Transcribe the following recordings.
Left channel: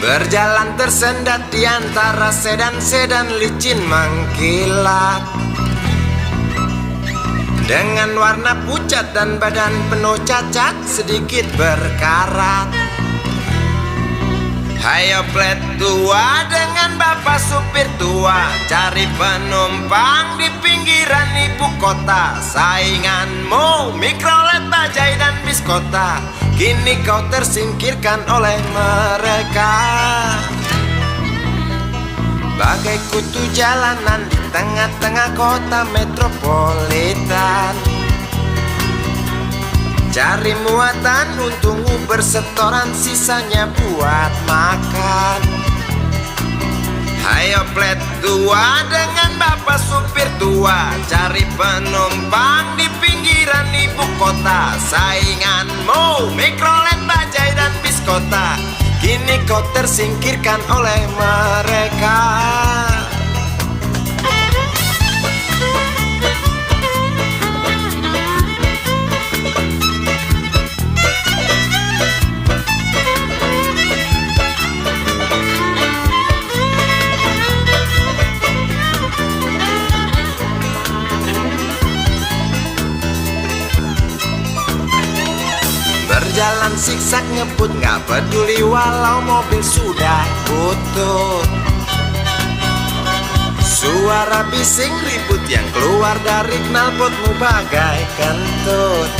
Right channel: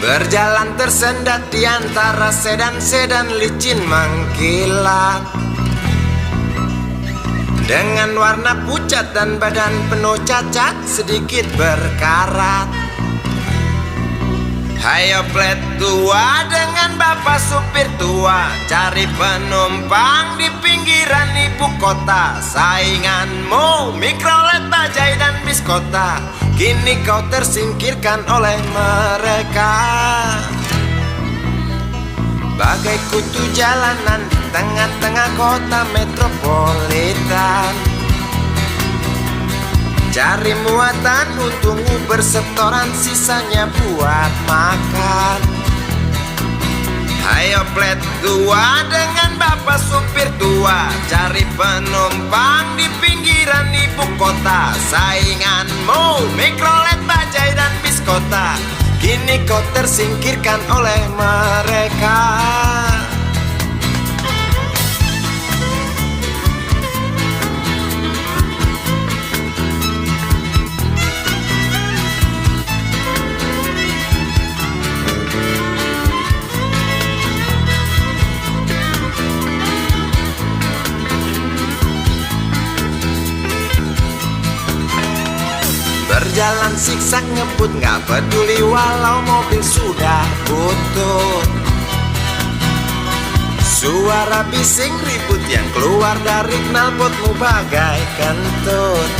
Berjalan tersendat di antara sedan-sedan licin mengkilat, dengan warna pucat dan badan penuh cacat sedikit berkarat. Hayo plet tua dengan bapak supir tua, cari penumpang di pinggiran ibu kota. Sainganmu mikrolet, bajai dan bis kota, kini kau tersingkirkan oleh mereka. Bagai kutu jalanan di tengah-tengah kota metropolitan, cari muatan untung Uber setoran, sisanya buat makan. Hayo plet tua dengan bapak supir tua, cari penumpang di pinggiran ibu kota. Sainganmu mikrolet, bajai dan bis kota, kini kau tersingkirkan oleh mereka. Berjalan siksak ngebut, gak peduli walau mobil sudah butut. Suara bising ribut yang keluar dari knalpotmu bagai kentut.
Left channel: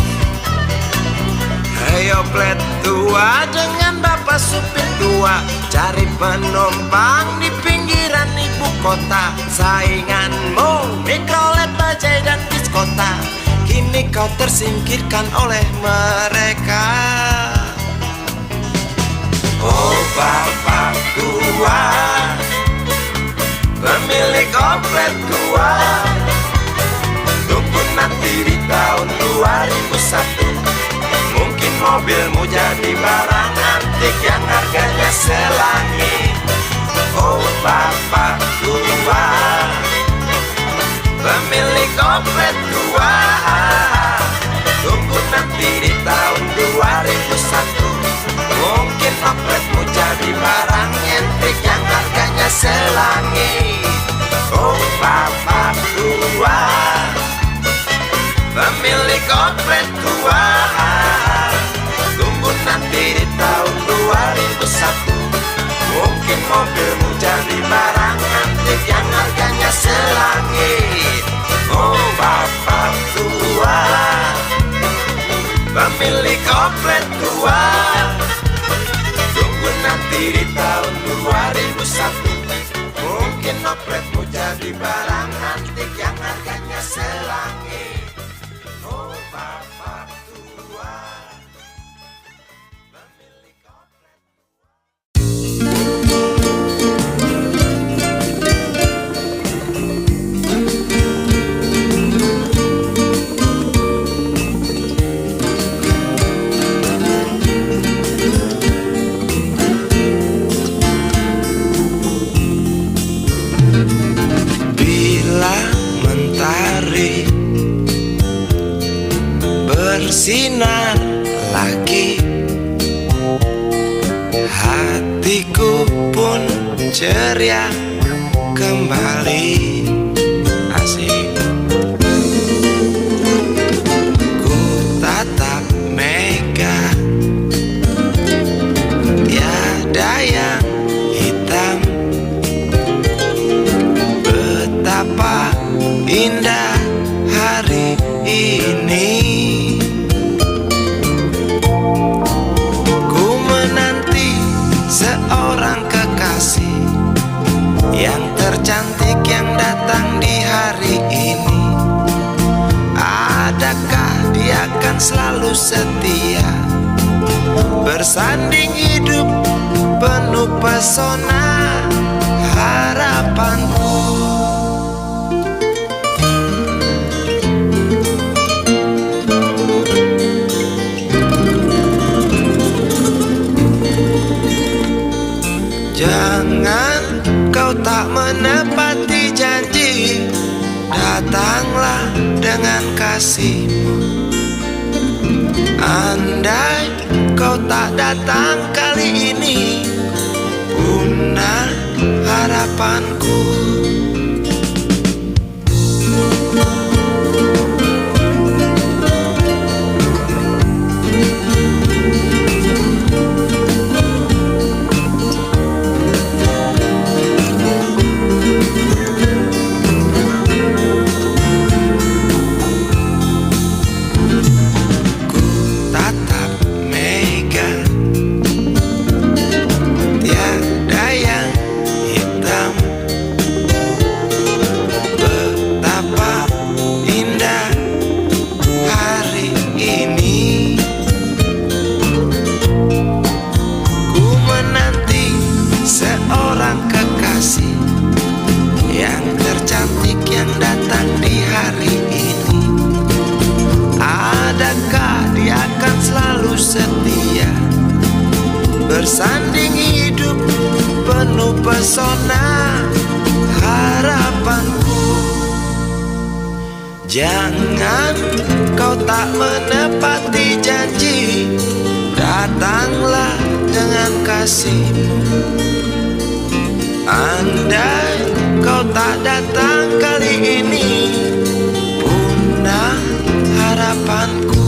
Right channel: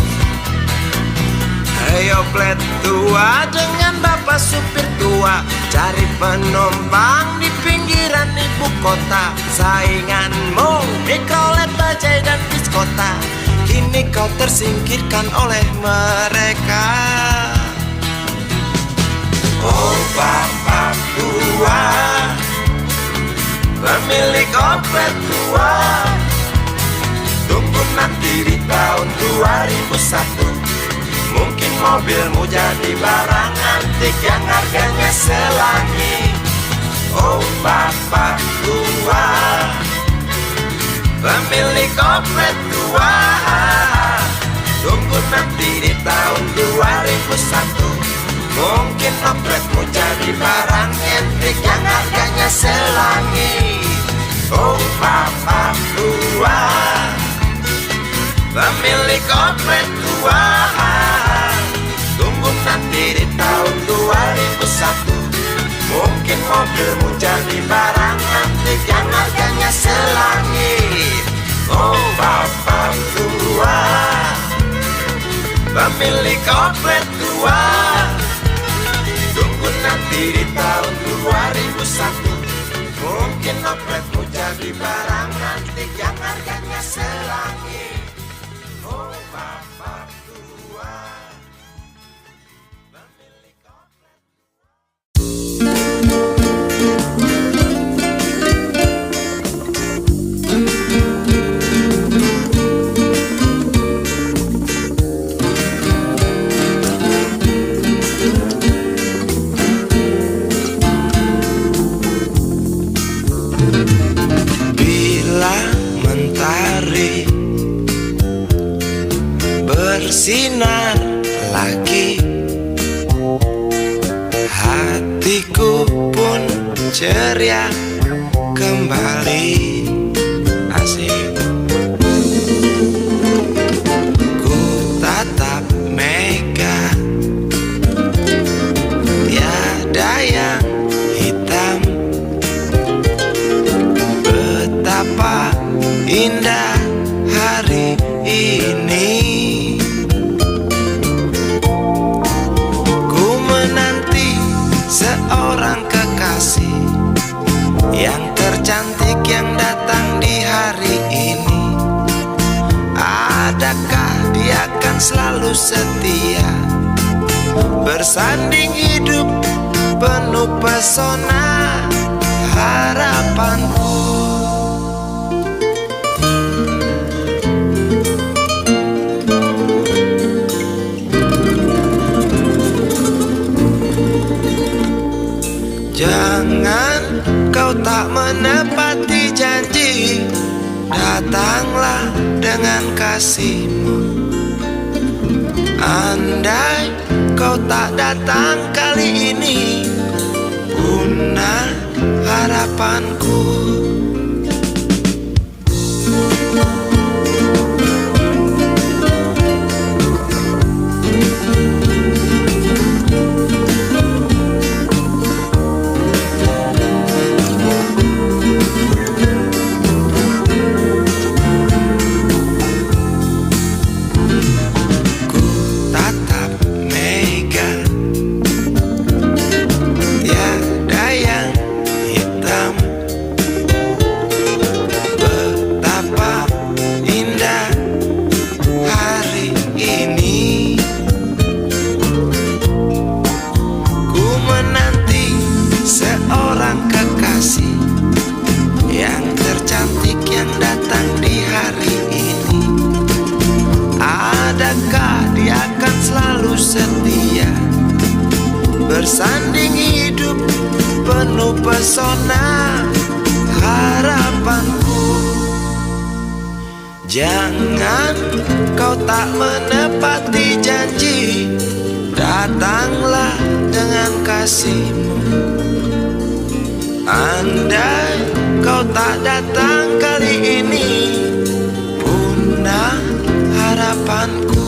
Ayo plet tua dengan bapak supir tua, cari penumpang di pinggiran ibu kota. Sainganmu mikrolet, bajai dan bis kota, kini kau tersingkirkan oleh mereka. Oh bapak tua, pemilik oplet tua, tunggu nanti di tahun 2001, mungkin mobilmu jadi barang antik yang harganya selangit. Oh bapak tua, pemilik oplet tua, tunggu nanti di tahun 2001, mungkin opletmu jadi barang antik yang harganya selangit. Oh bapak tua, pemilik oplet tua, tunggu nanti di tahun 2001, mungkin mobilmu jadi barang antik yang harganya selangit. Oh bapak tua, pemilik oplet tua, tunggu nanti di tahun 2001, mungkin opletmu jadi barang antik yang harganya selangit. Oh bapak tua, pemilik oplet. Bila mentari bersinar lagi, hatiku pun ceria kembali. Asik. Ku tatap mega, tiada yang hitam. Betapa indah hari ini, ku menanti seorang kekasih yang tercantik yang datang di hari ini. Adakah dia akan selalu setia, bersanding hidup penuh pesona harapanku. Jangan kau tak menepati janji, datanglah dengan kasihmu. Andai kau tak datang kali ini, harapanku. Yang tercantik yang datang di hari ini, adakah dia akan selalu setia bersanding hidup penuh pesona harapanku. Jangan kau tak menepati janji, datanglah dengan kasihmu. Andai kau tak datang kali ini, punah harapanku.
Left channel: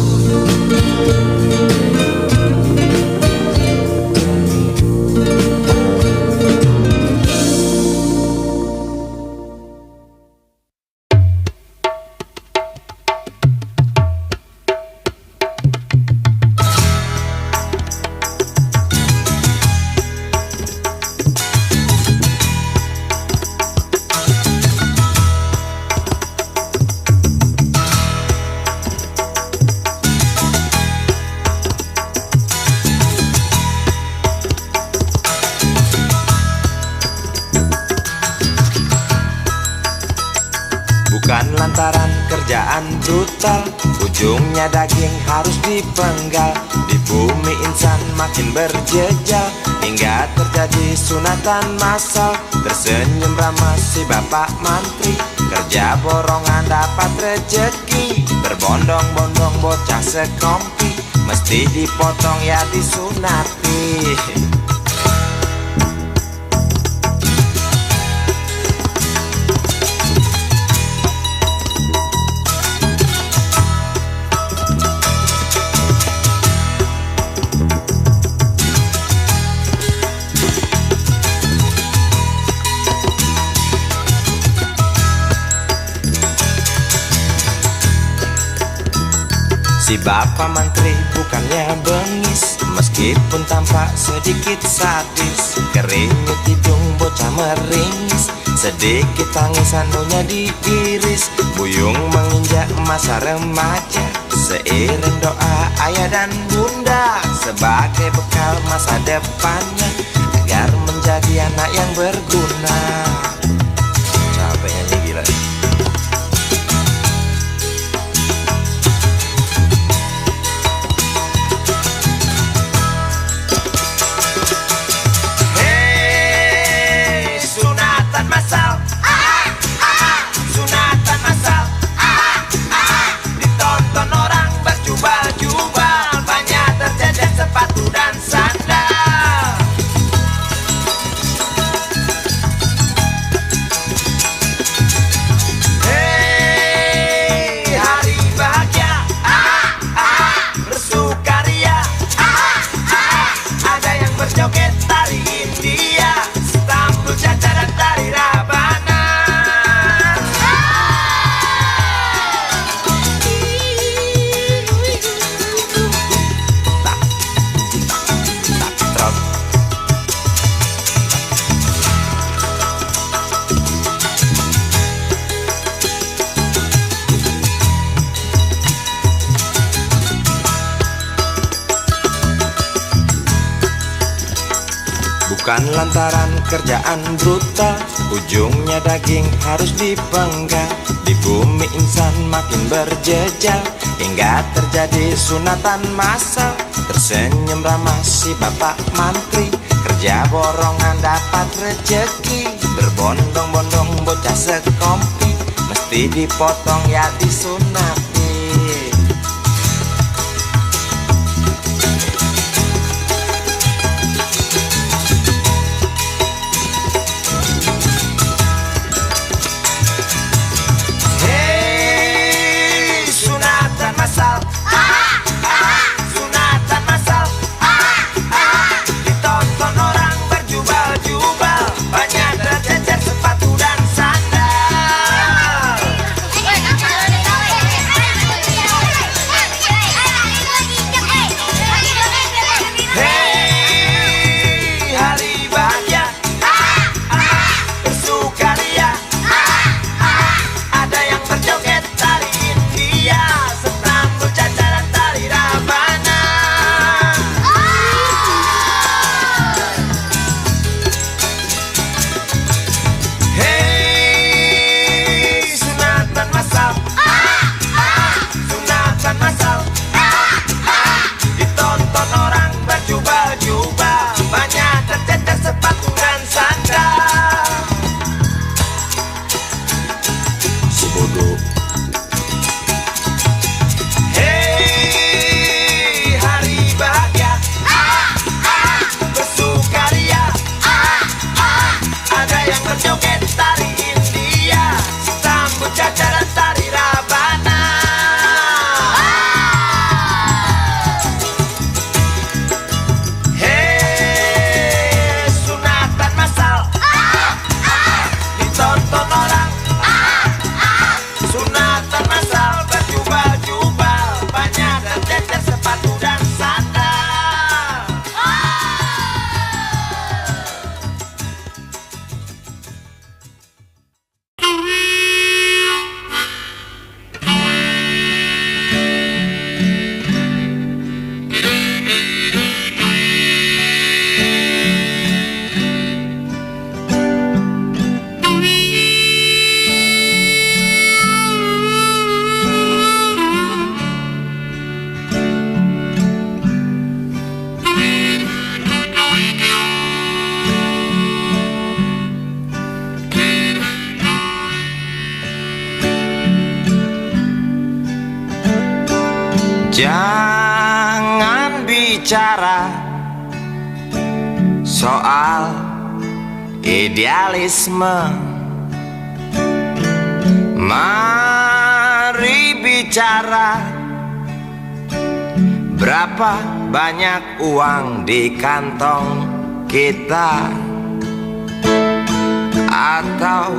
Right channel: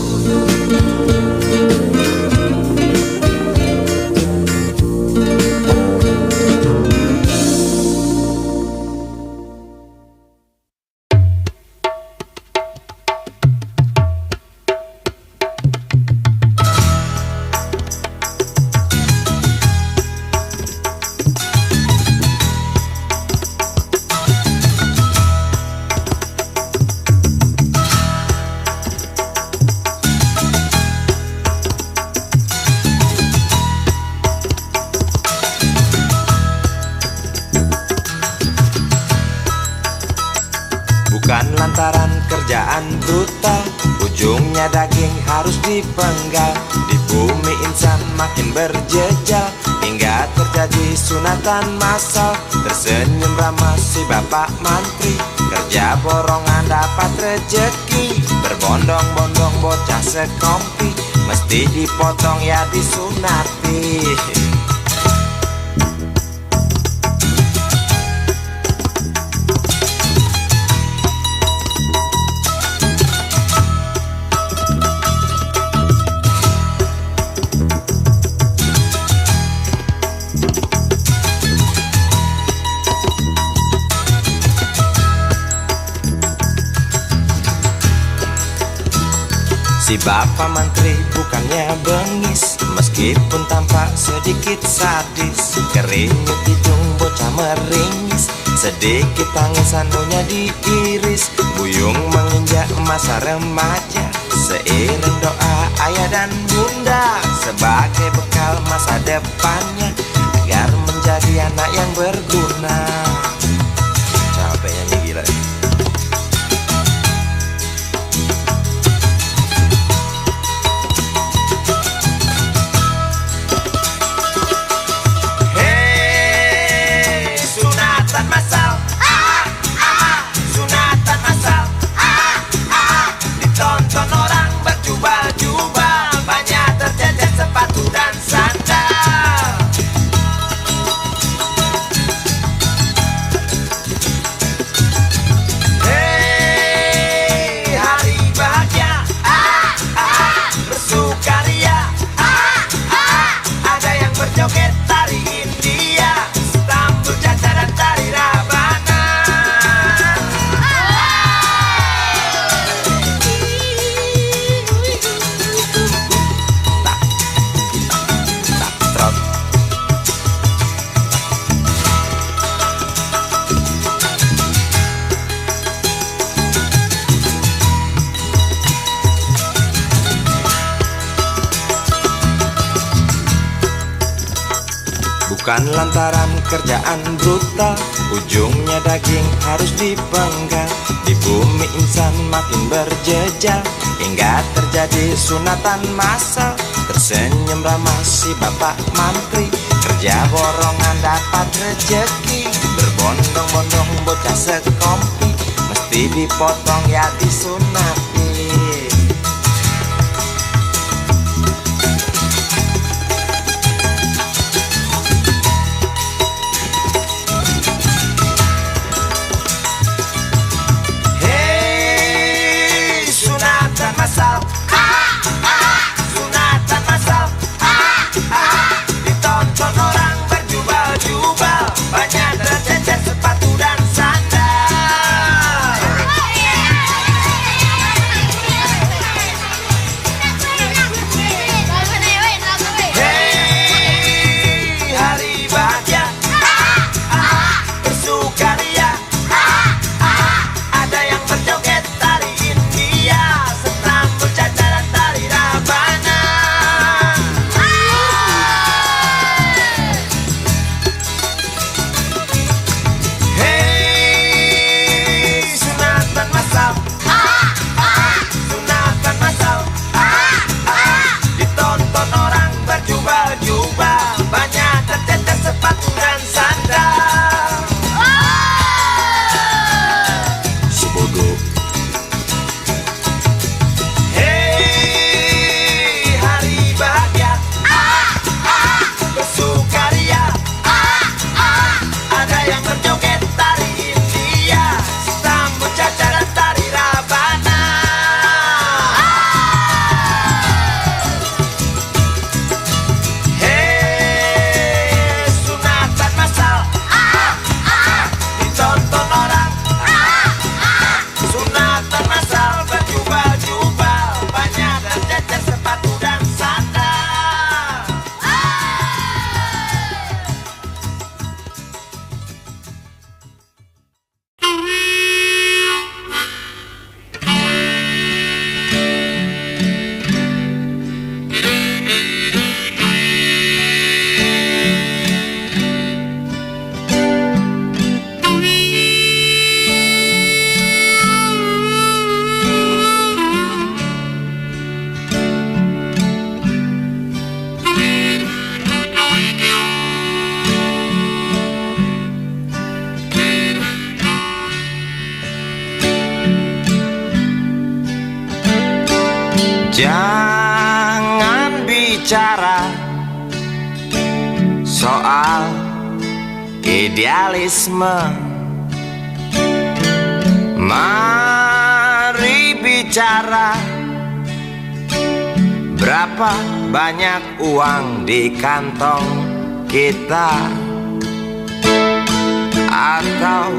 Bukan lantaran kerjaan brutal, ujungnya daging harus dipenggal. Di bumi insan makin berjejal, hingga terjadi sunatan massal. Tersenyum ramah si bapak mantri, kerja borongan dapat rejeki. Berbondong-bondong bocah sekompi, mesti dipotong ya disunati. Si bapak menteri bukannya bengis, meskipun tampak sedikit sadis. Keringat hidung bocah meringis, sedikit tangis sandunya diiris. Buyung menginjak masa remaja, seiring doa ayah dan bunda, sebagai bekal masa depannya, agar menjadi anak yang berguna. Capek nyanyi gila. Joget tari India, Istanbul, Caca dan tari Rabana. Bukan lantaran kerjaan brutal, ujungnya daging harus dipenggal. Di bumi insan makin berjejal, hingga terjadi sunatan massal. Tersenyum ramah si bapak mantri, kerja borongan dapat rejeki. Berbondong-bondong bocah sekompi, mesti dipotong ya disunati. Ditonton orang berjubel-jubel, banyak tercecer sepatu dan sandal. Sebodoh. Hei, hari bahagia, bersukaria, ada yang berjoget tari India, sambut caca dan tari rabana. Hei, sunatan masal, ditonton orang. Sunatan masal berjubel-jubel, banyak tercecer sepatu dan sandal. Jangan bicara soal idealisme. Mari bicara berapa banyak uang di kantong kita, atau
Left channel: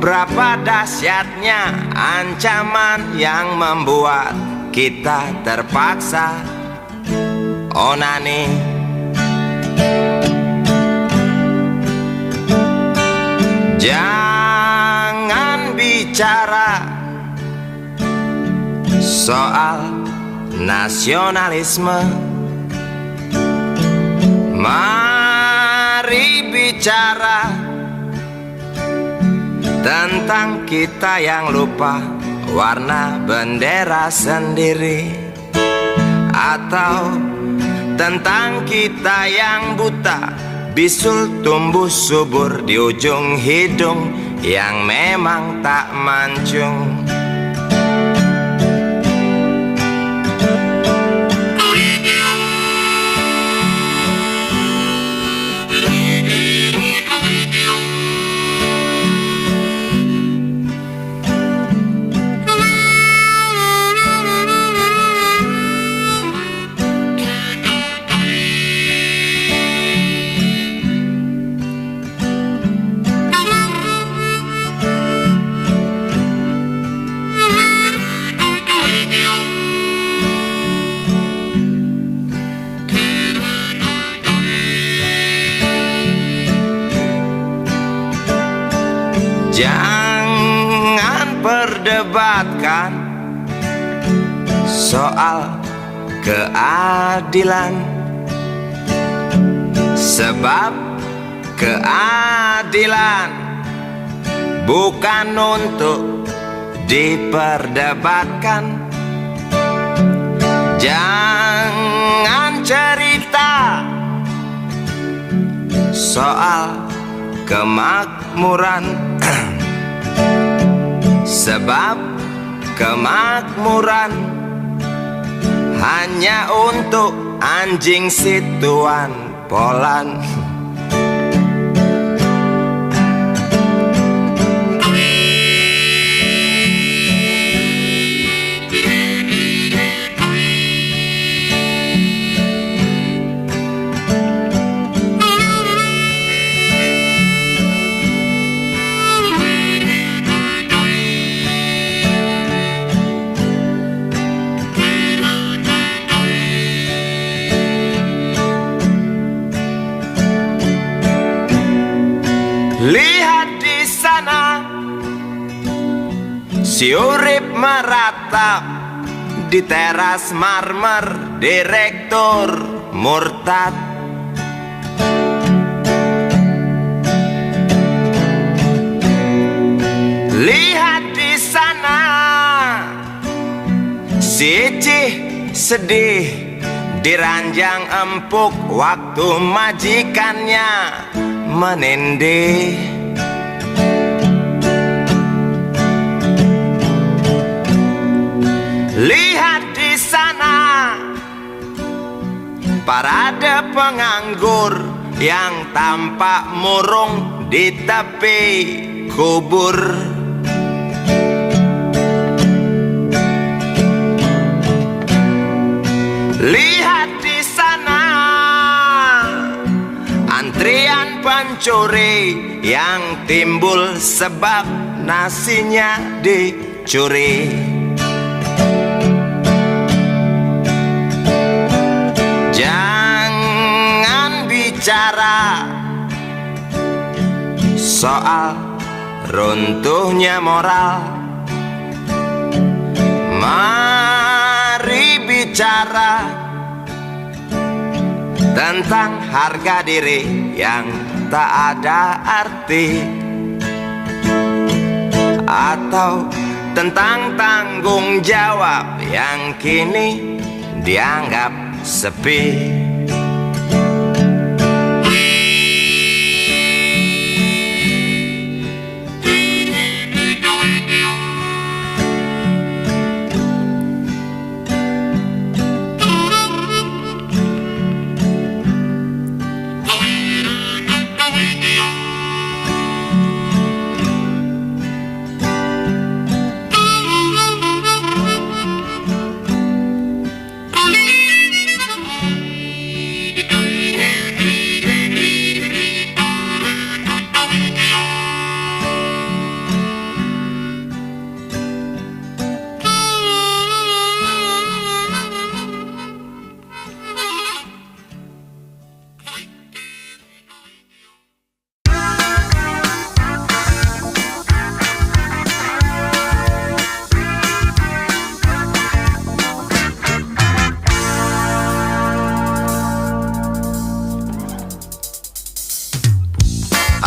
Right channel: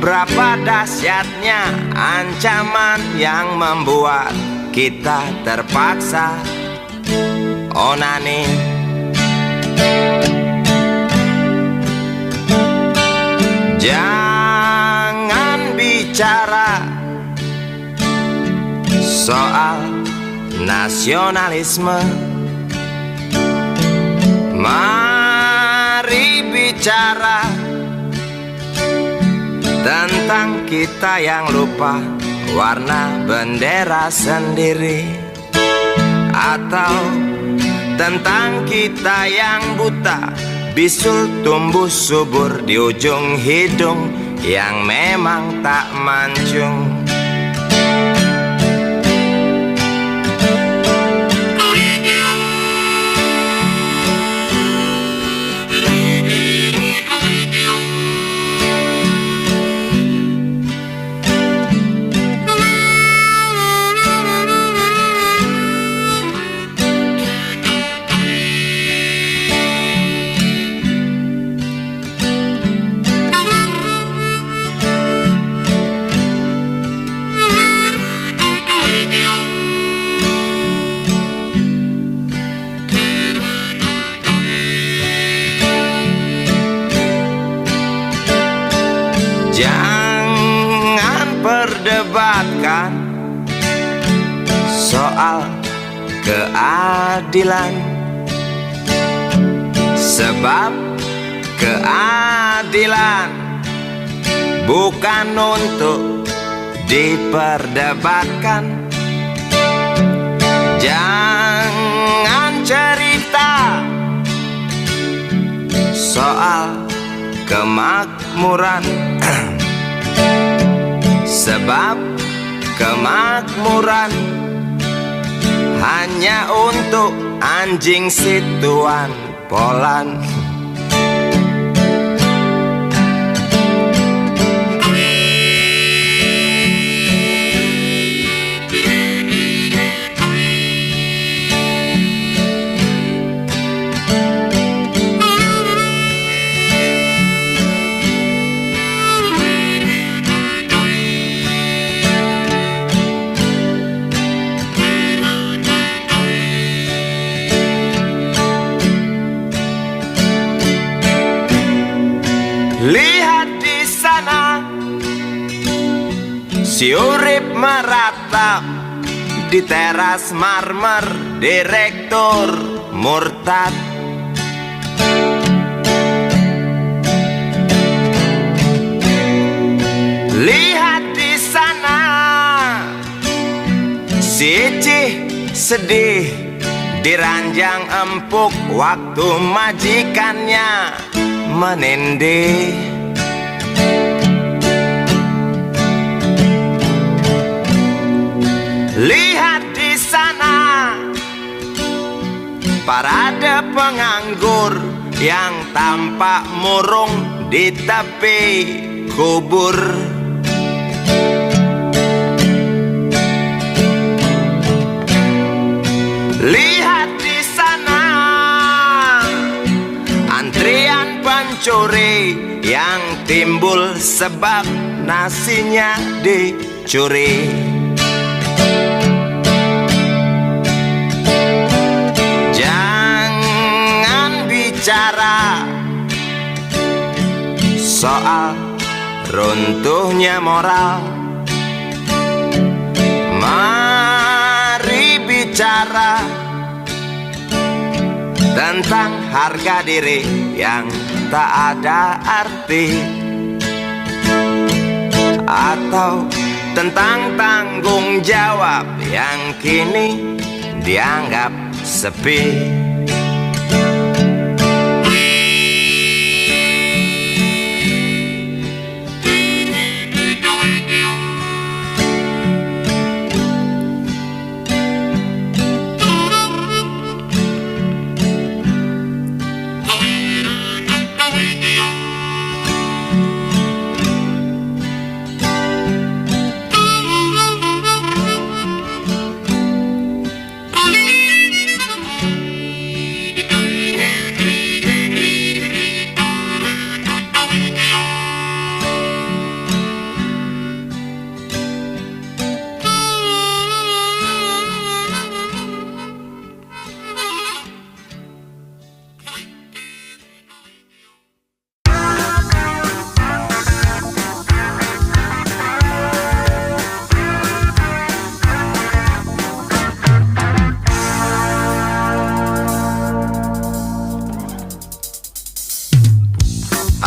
berapa dahsyatnya ancaman yang membuat kita terpaksa onani. Jangan bicara soal nasionalisme. Mari bicara tentang kita yang lupa warna bendera sendiri, atau tentang kita yang buta bisul tumbuh subur di ujung hidung yang memang tak mancung. Jangan perdebatkan soal keadilan, sebab keadilan bukan untuk diperdebatkan. Jangan cerita soal kemakmuran, sebab kemakmuran hanya untuk anjing situan Polan. Lihat di sana, si urip meratap di teras marmer direktur murtad. Lihat di sana, si Icih sedih Diranjang empuk waktu majikannya menindih. Lihat di sana parade penganggur yang tampak murung di tepi kubur. Lihat di sana antrian pencuri yang timbul sebab nasinya dicuri. Jangan bicara soal runtuhnya moral, mari bicara tentang harga diri yang tak ada arti, atau tentang tanggung jawab yang kini dianggap sepi.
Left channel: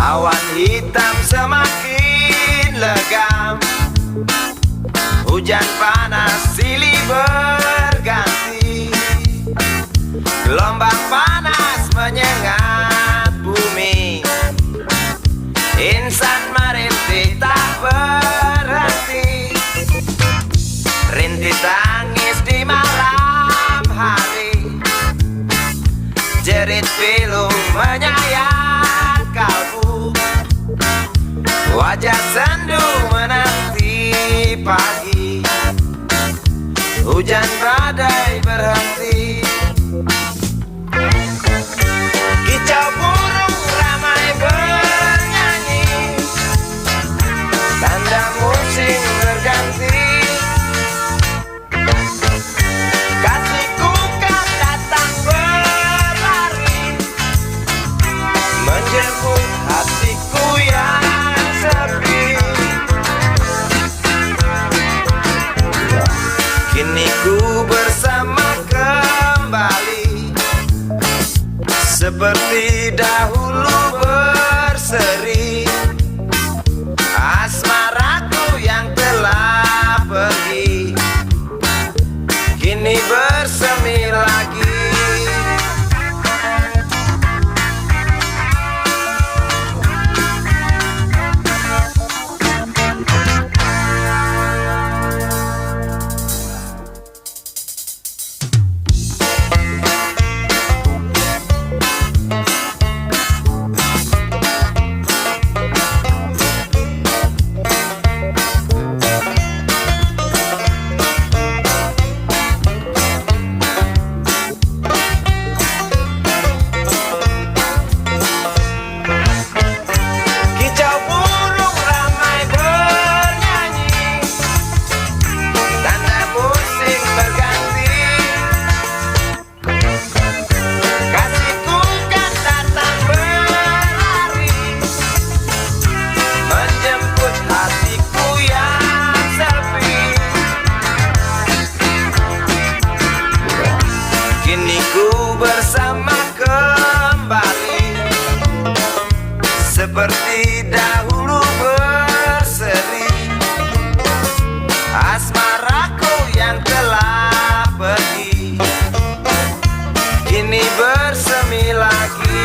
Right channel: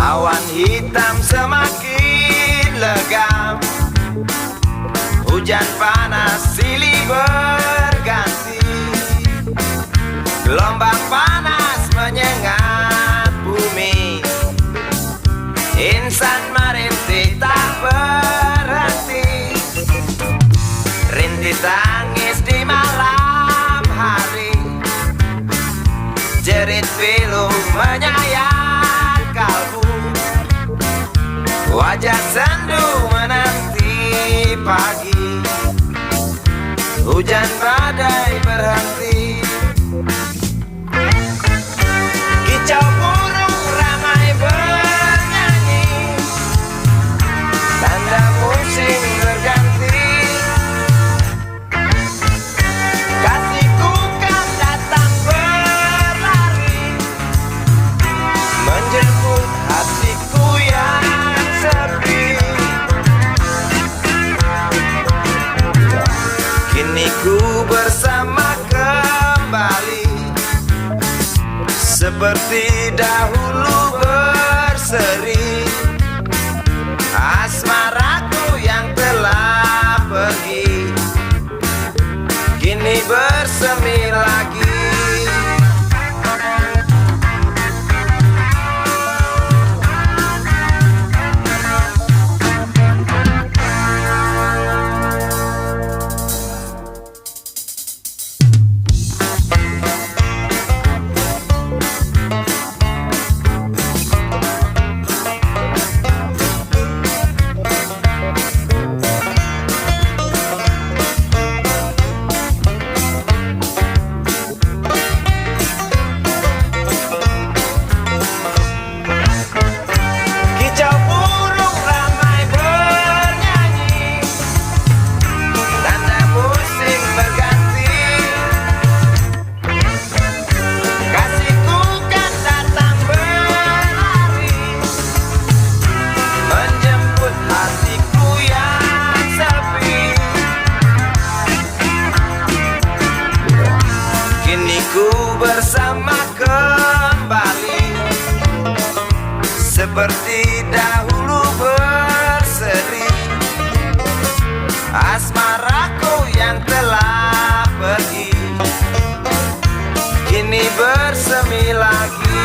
Awan hitam semakin legam, hujan panas silih berganti, gelombang panas menyengat bumi, insan merintih tak berhenti, rintih tangis di malam hari, jerit pilu menyayat kalbu, wajah sendu menanti pagi, hujan badai berhenti. Kicau burung ramai bernyanyi, tanda musim berganti. Kasihku kan datang berlari, menjemput hatiku yang sepi. Kini ku bersama kembali, seperti dahulu berseri. Asmaraku yang telah pergi, kini bersemi lagi. kami lagi.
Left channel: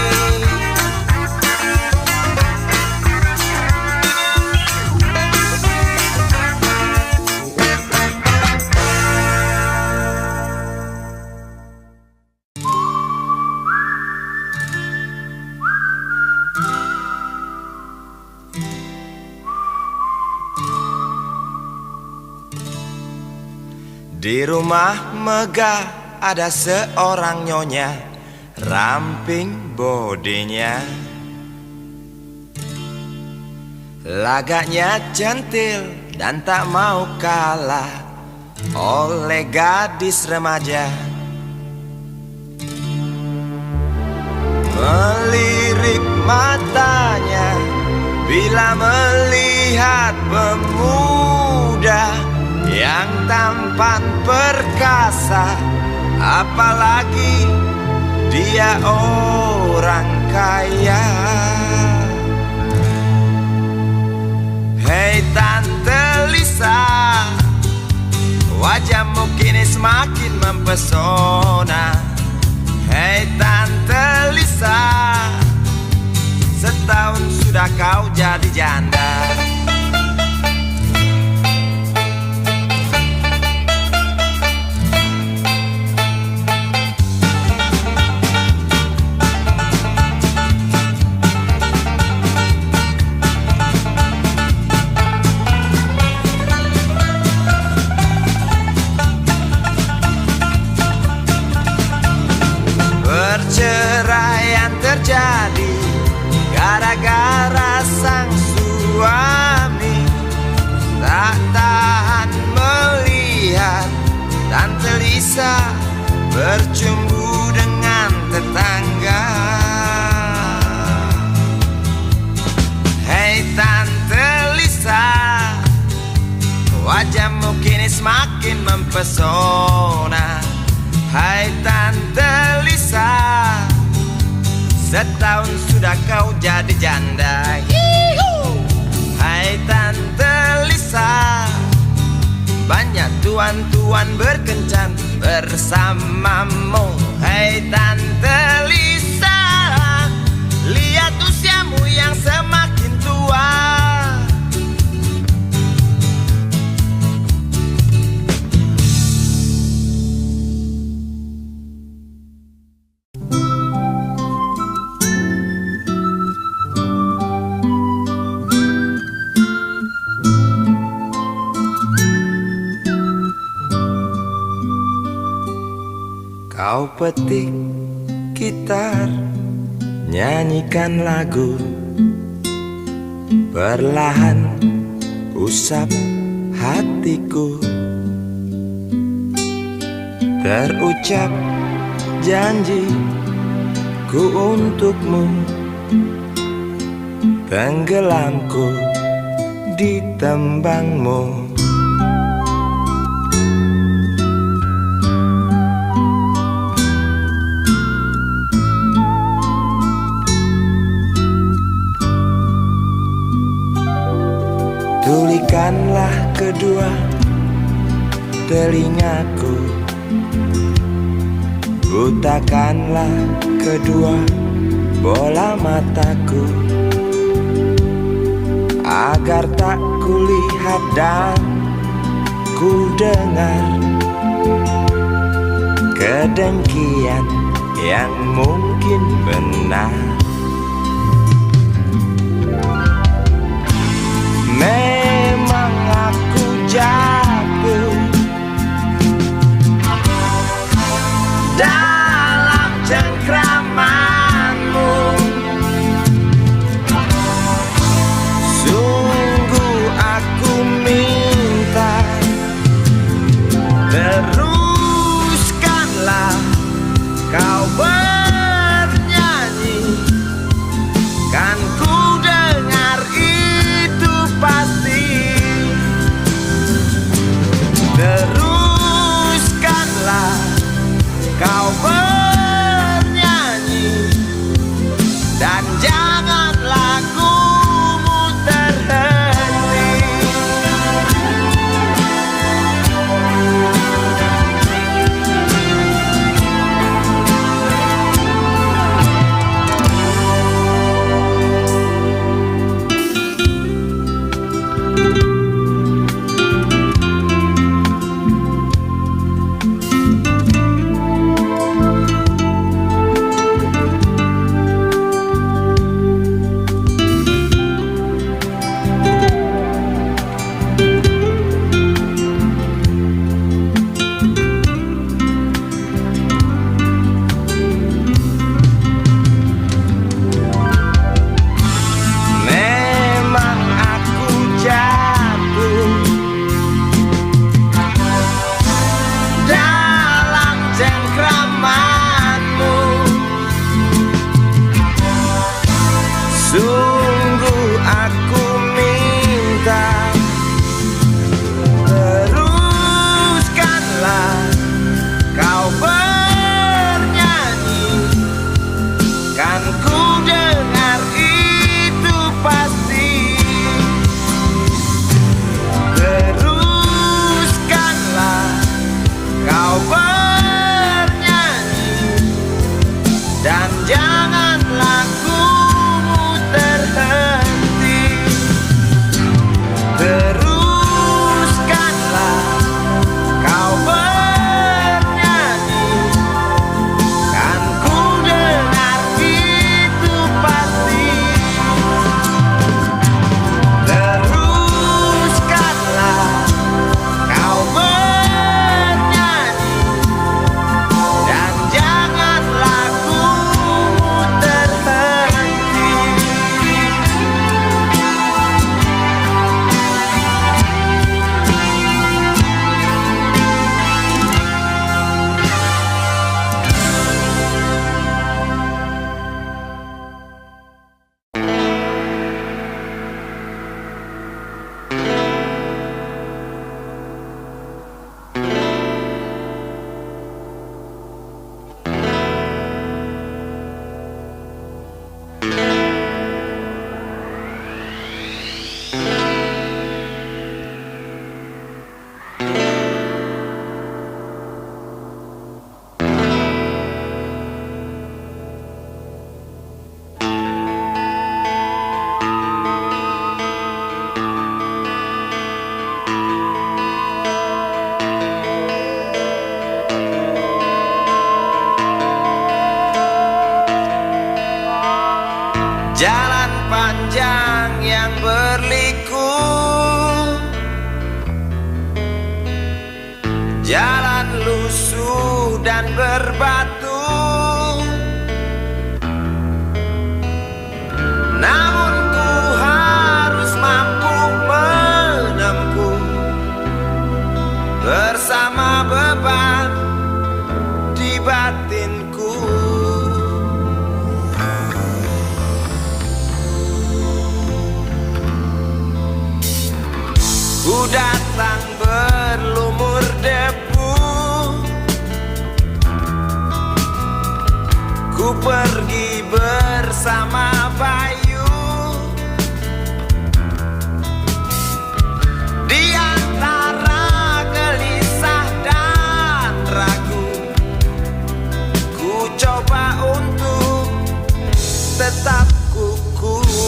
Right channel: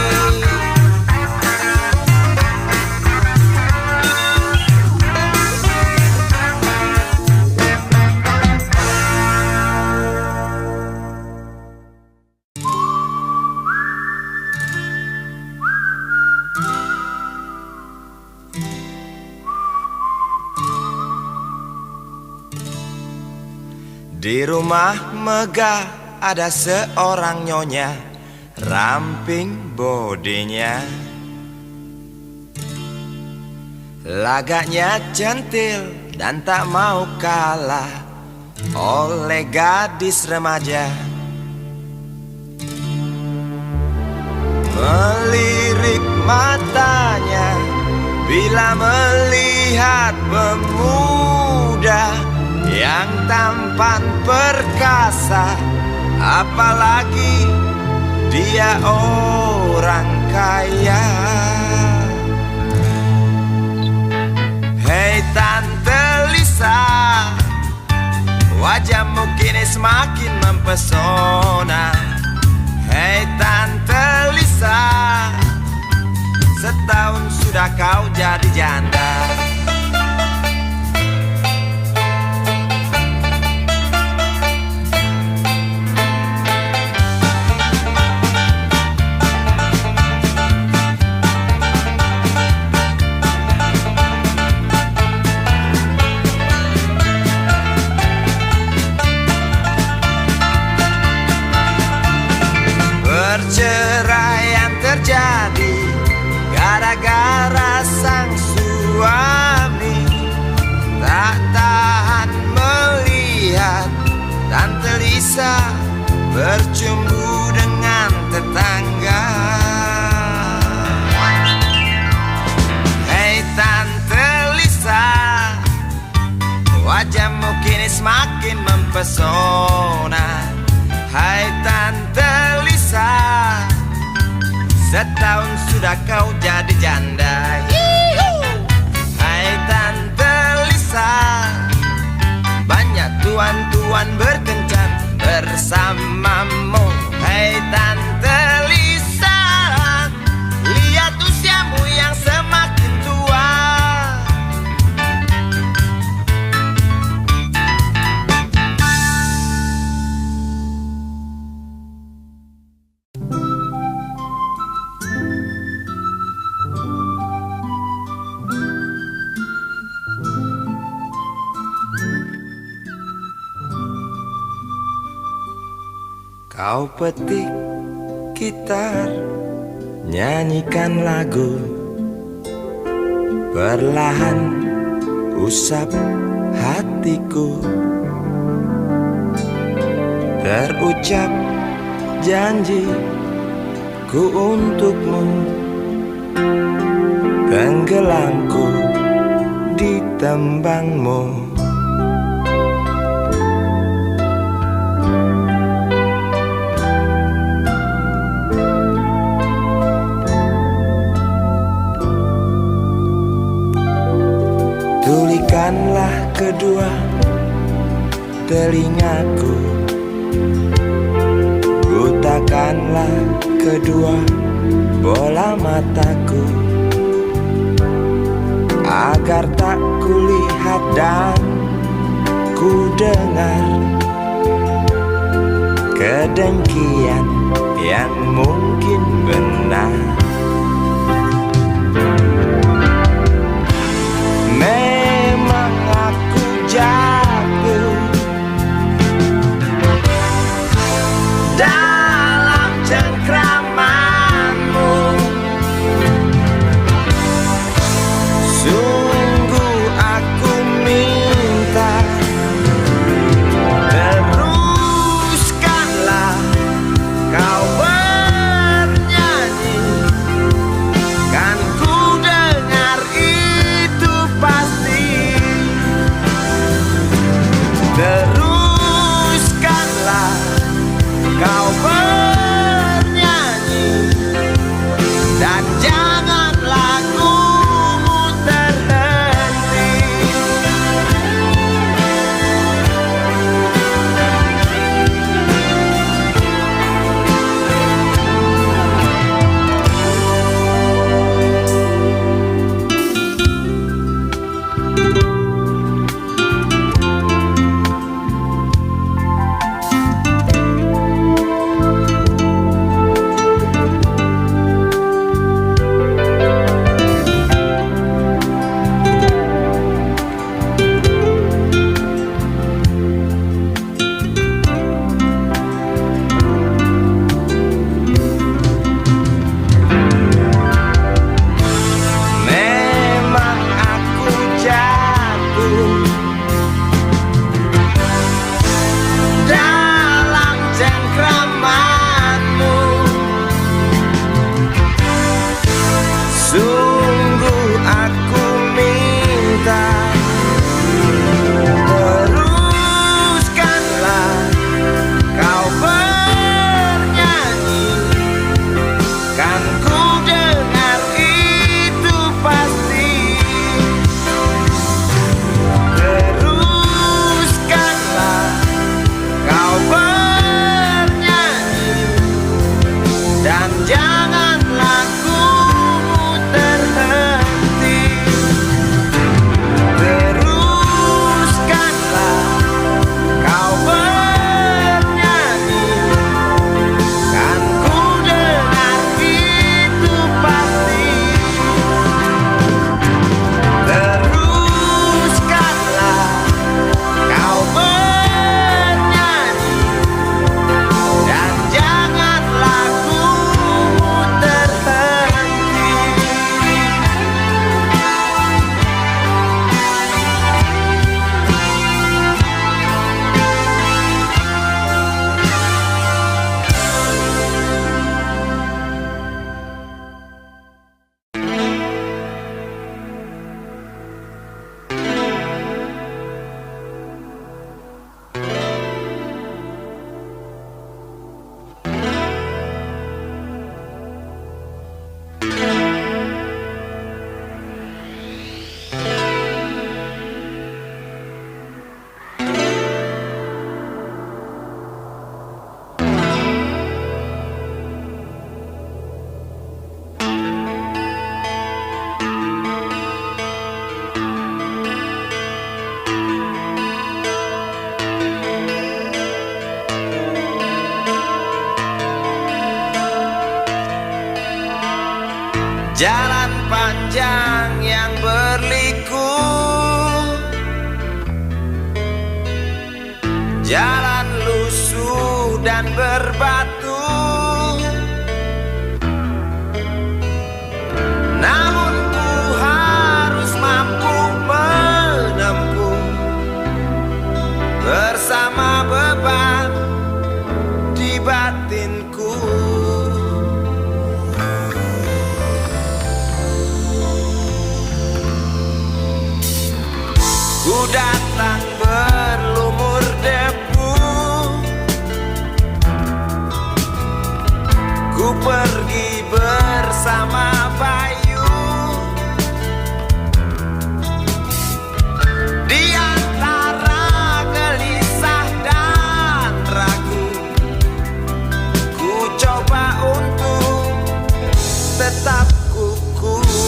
Di rumah megah ada seorang nyonya, ramping bodinya, lagaknya centil dan tak mau kalah oleh gadis remaja. Melirik matanya bila melihat pemuda yang tampan perkasa, apalagi dia orang kaya. Hei Tante Lisa, wajahmu kini semakin mempesona. Hei Tante Lisa, setahun sudah kau jadi janda. Perceraian terjadi gara-gara sang suami tak tahan melihat Tante Lisa bercumbu dengan tetangga. Hei Tante Lisa, wajahmu kini semakin mempesona. Hai Tante Lisa, setahun sudah kau jadi janda. Hai Tante Lisa, banyak tuan-tuan berkencan bersamamu. Hai Tante Lisa, lihat usiamu yang semakin tua. Kau petik gitar, nyanyikan lagu, perlahan usap hatiku. Terucap janji ku untukmu, tenggelamku di tembangmu. Tulikanlah kedua telingaku, butakanlah kedua bola mataku, agar tak kulihat dan ku dengar kedengkian yang mungkin benar. Memang aku jatuh dalam cengkramanmu. Sungguh aku minta, teruskanlah kau bernyanyi dan janganlah lagumu terhenti. Teruskanlah kau bernyanyi, kan ku dengar itu pasti. Teruskanlah kau bernyanyi, dan jangan lagumu terhenti. Jalan panjang yang berliku, jalan lusuh dan berbatu, namun ku harus mampu menempuh bersama beban di batinku. Ku datang berlumur debu, ku pergi bersama Bayu. Di antara gelisah dan ragu, ku coba untuk tetap kukuh.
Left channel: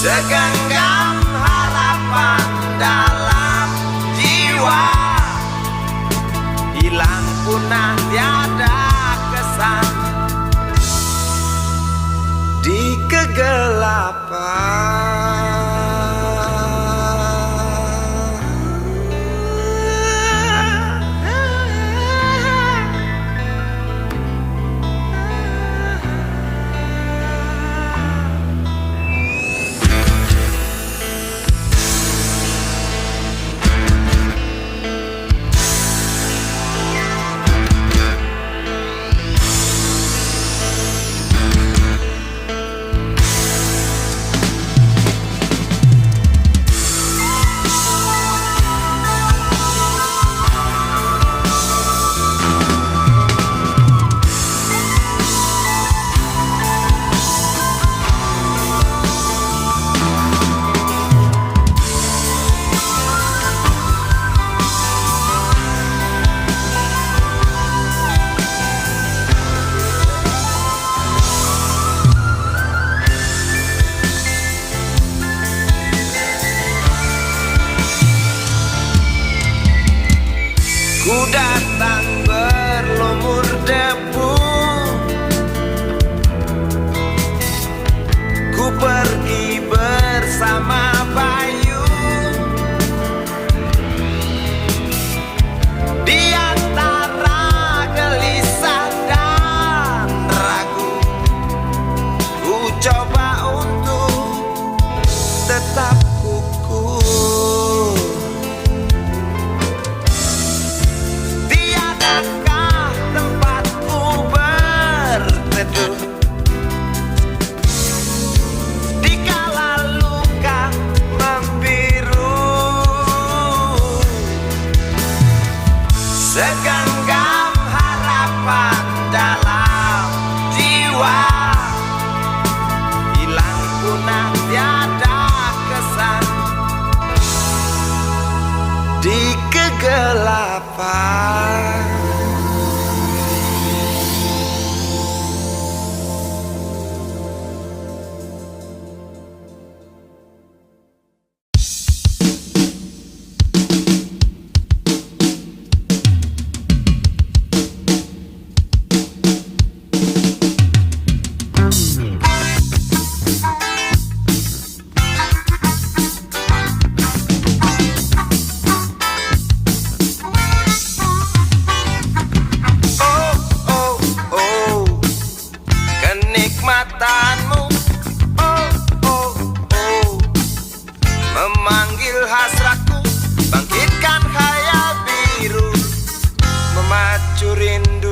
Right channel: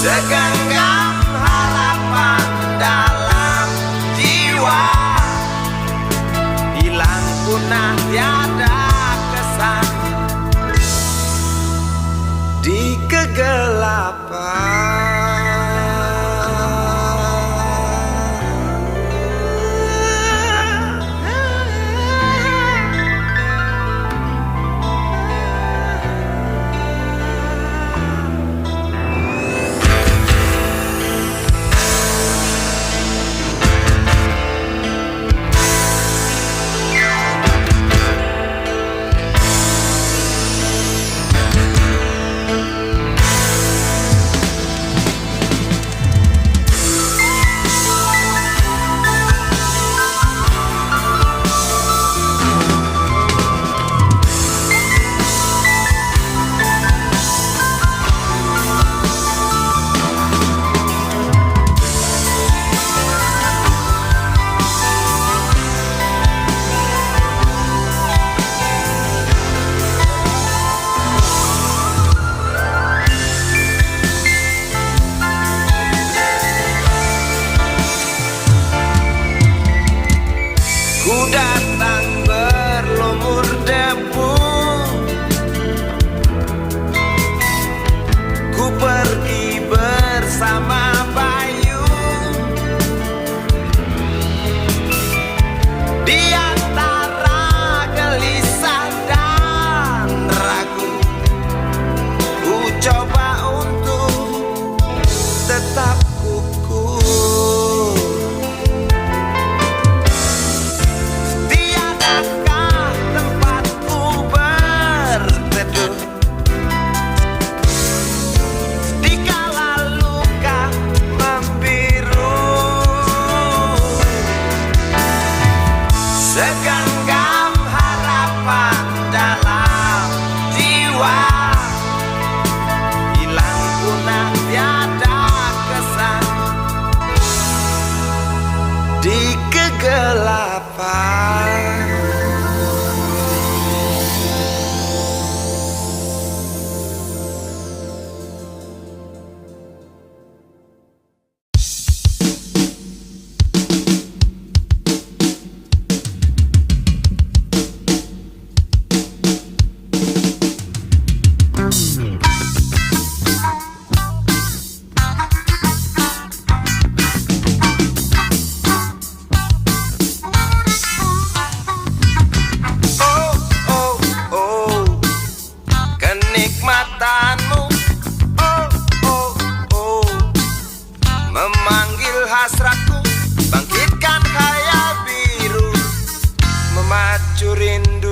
Segenggam harapan dalam jiwa, hilang punah tiada kesan di kegelapan.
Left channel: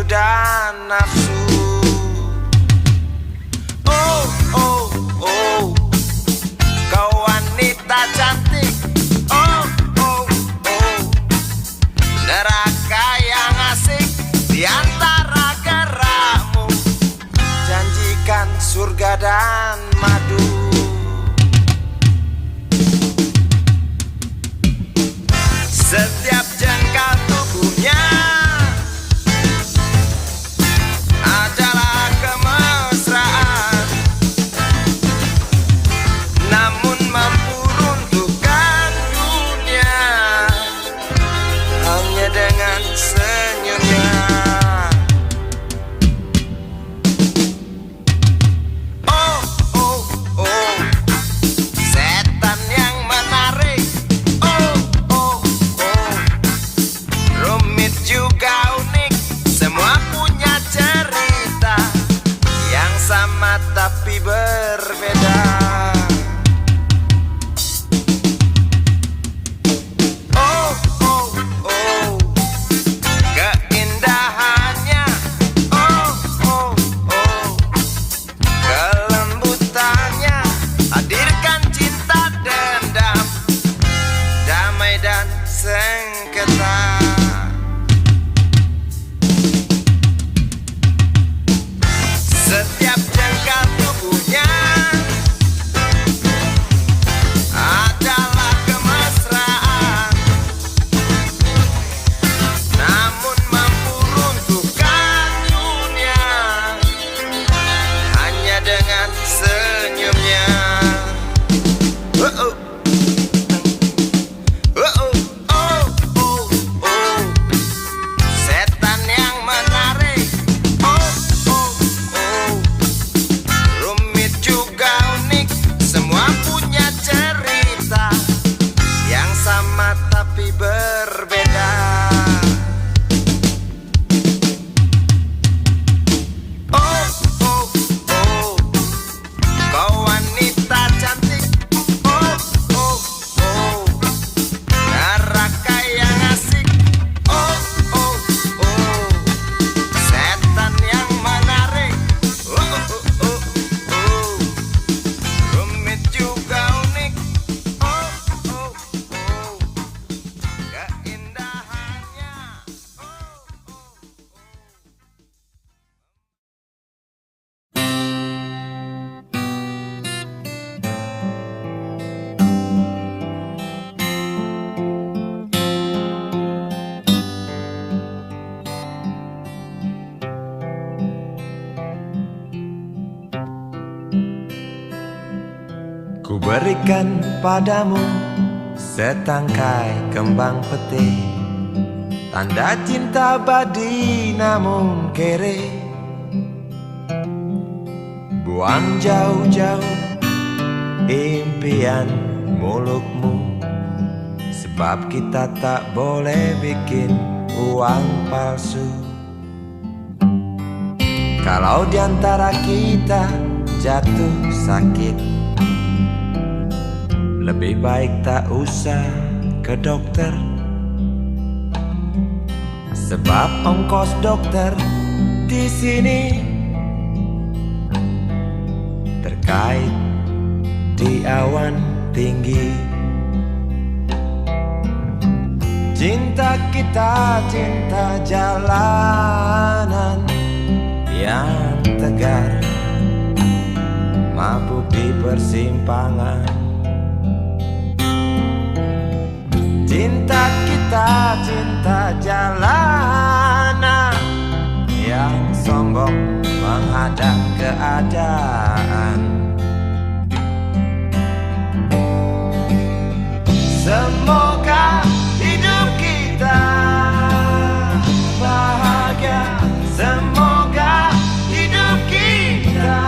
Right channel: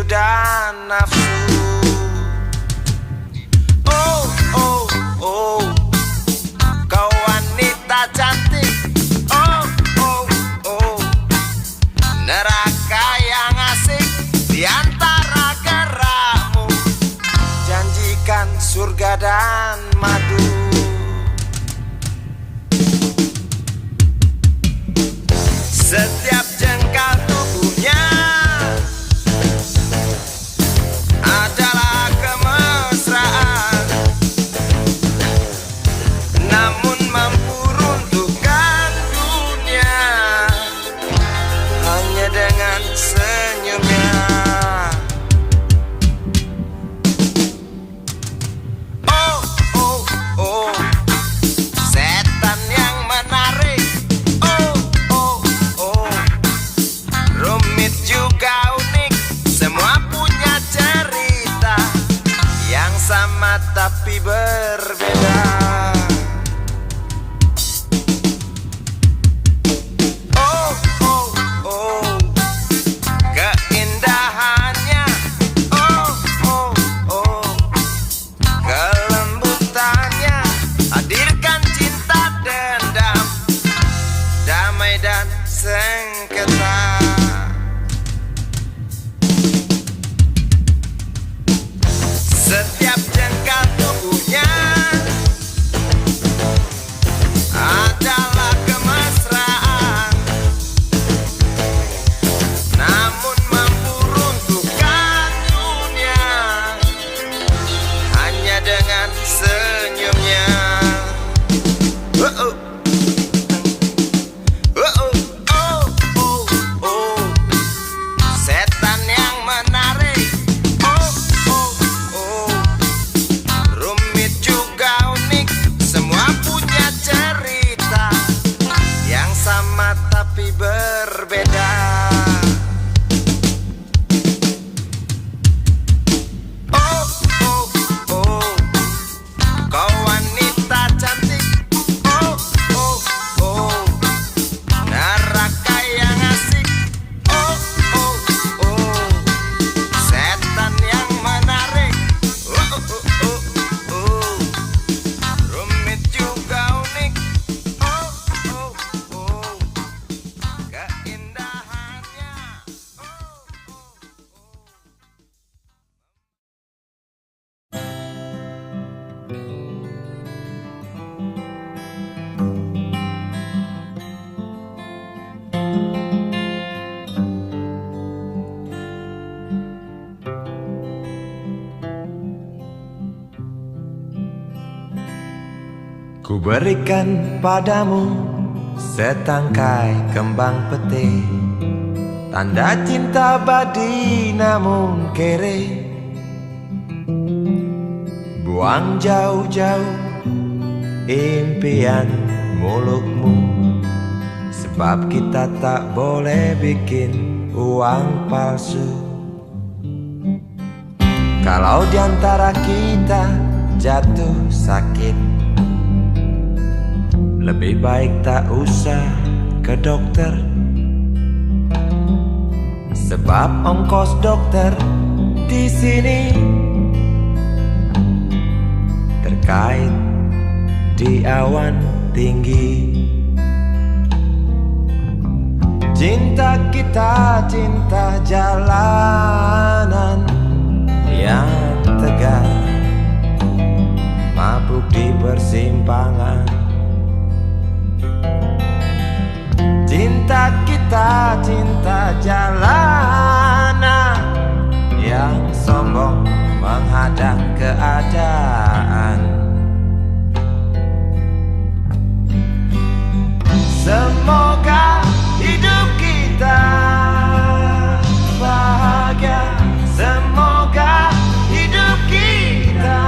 dan nafsu. Oh, oh, oh, kau wanita cantik. Oh, oh, oh, neraka yang asik di antara gerakmu. Janjikan surga dan madu. Setiap jengkal tubuhnya adalah kemesraan, namun mampu runtuhkan dunia hanya dengan senyumnya. Oh, oh, oh, setan yang menarik. Oh, oh, oh, rumit juga unik. Semua punya cerita yang sama tapi berbeda. Oh, oh, oh, keindahannya. Oh, oh, oh, kelembutannya. Hadirkan cinta dendam, damai dan sengketa. Setiap jengkal tubuhnya adalah kemesraan, namun mampu runtuhkan dunia hanya dengan senyumnya. Oh, oh. Oh, oh, oh, oh, oh, setan yang menarik. Oh, oh, oh, rumit juga unik. Semua punya cerita yang sama tapi berbeda. Oh, oh, oh, kau wanita cantik. Oh, oh, oh, neraka yang asik. Oh, oh, oh, setan yang menarik. Oh, oh, oh, oh, rumit juga unik. Oh, oh, oh, keindahannya. Oh, oh, oh. Ku berikan padamu setangkai kembang pete, tanda cinta abadi namun kere. Buang jauh-jauh impian mulukmu, sebab kita tak boleh bikin uang palsu. Kalau diantara kita jatuh sakit, lebih baik tak usah ke dokter, sebab ongkos dokter di sini terkait di awan tinggi. Cinta kita cinta jalanan yang tegar, mabuk di persimpangan. Cinta kita cinta jalanan yang sombong menghadang keadaan. Semoga hidup kita bahagia, semoga hidup kita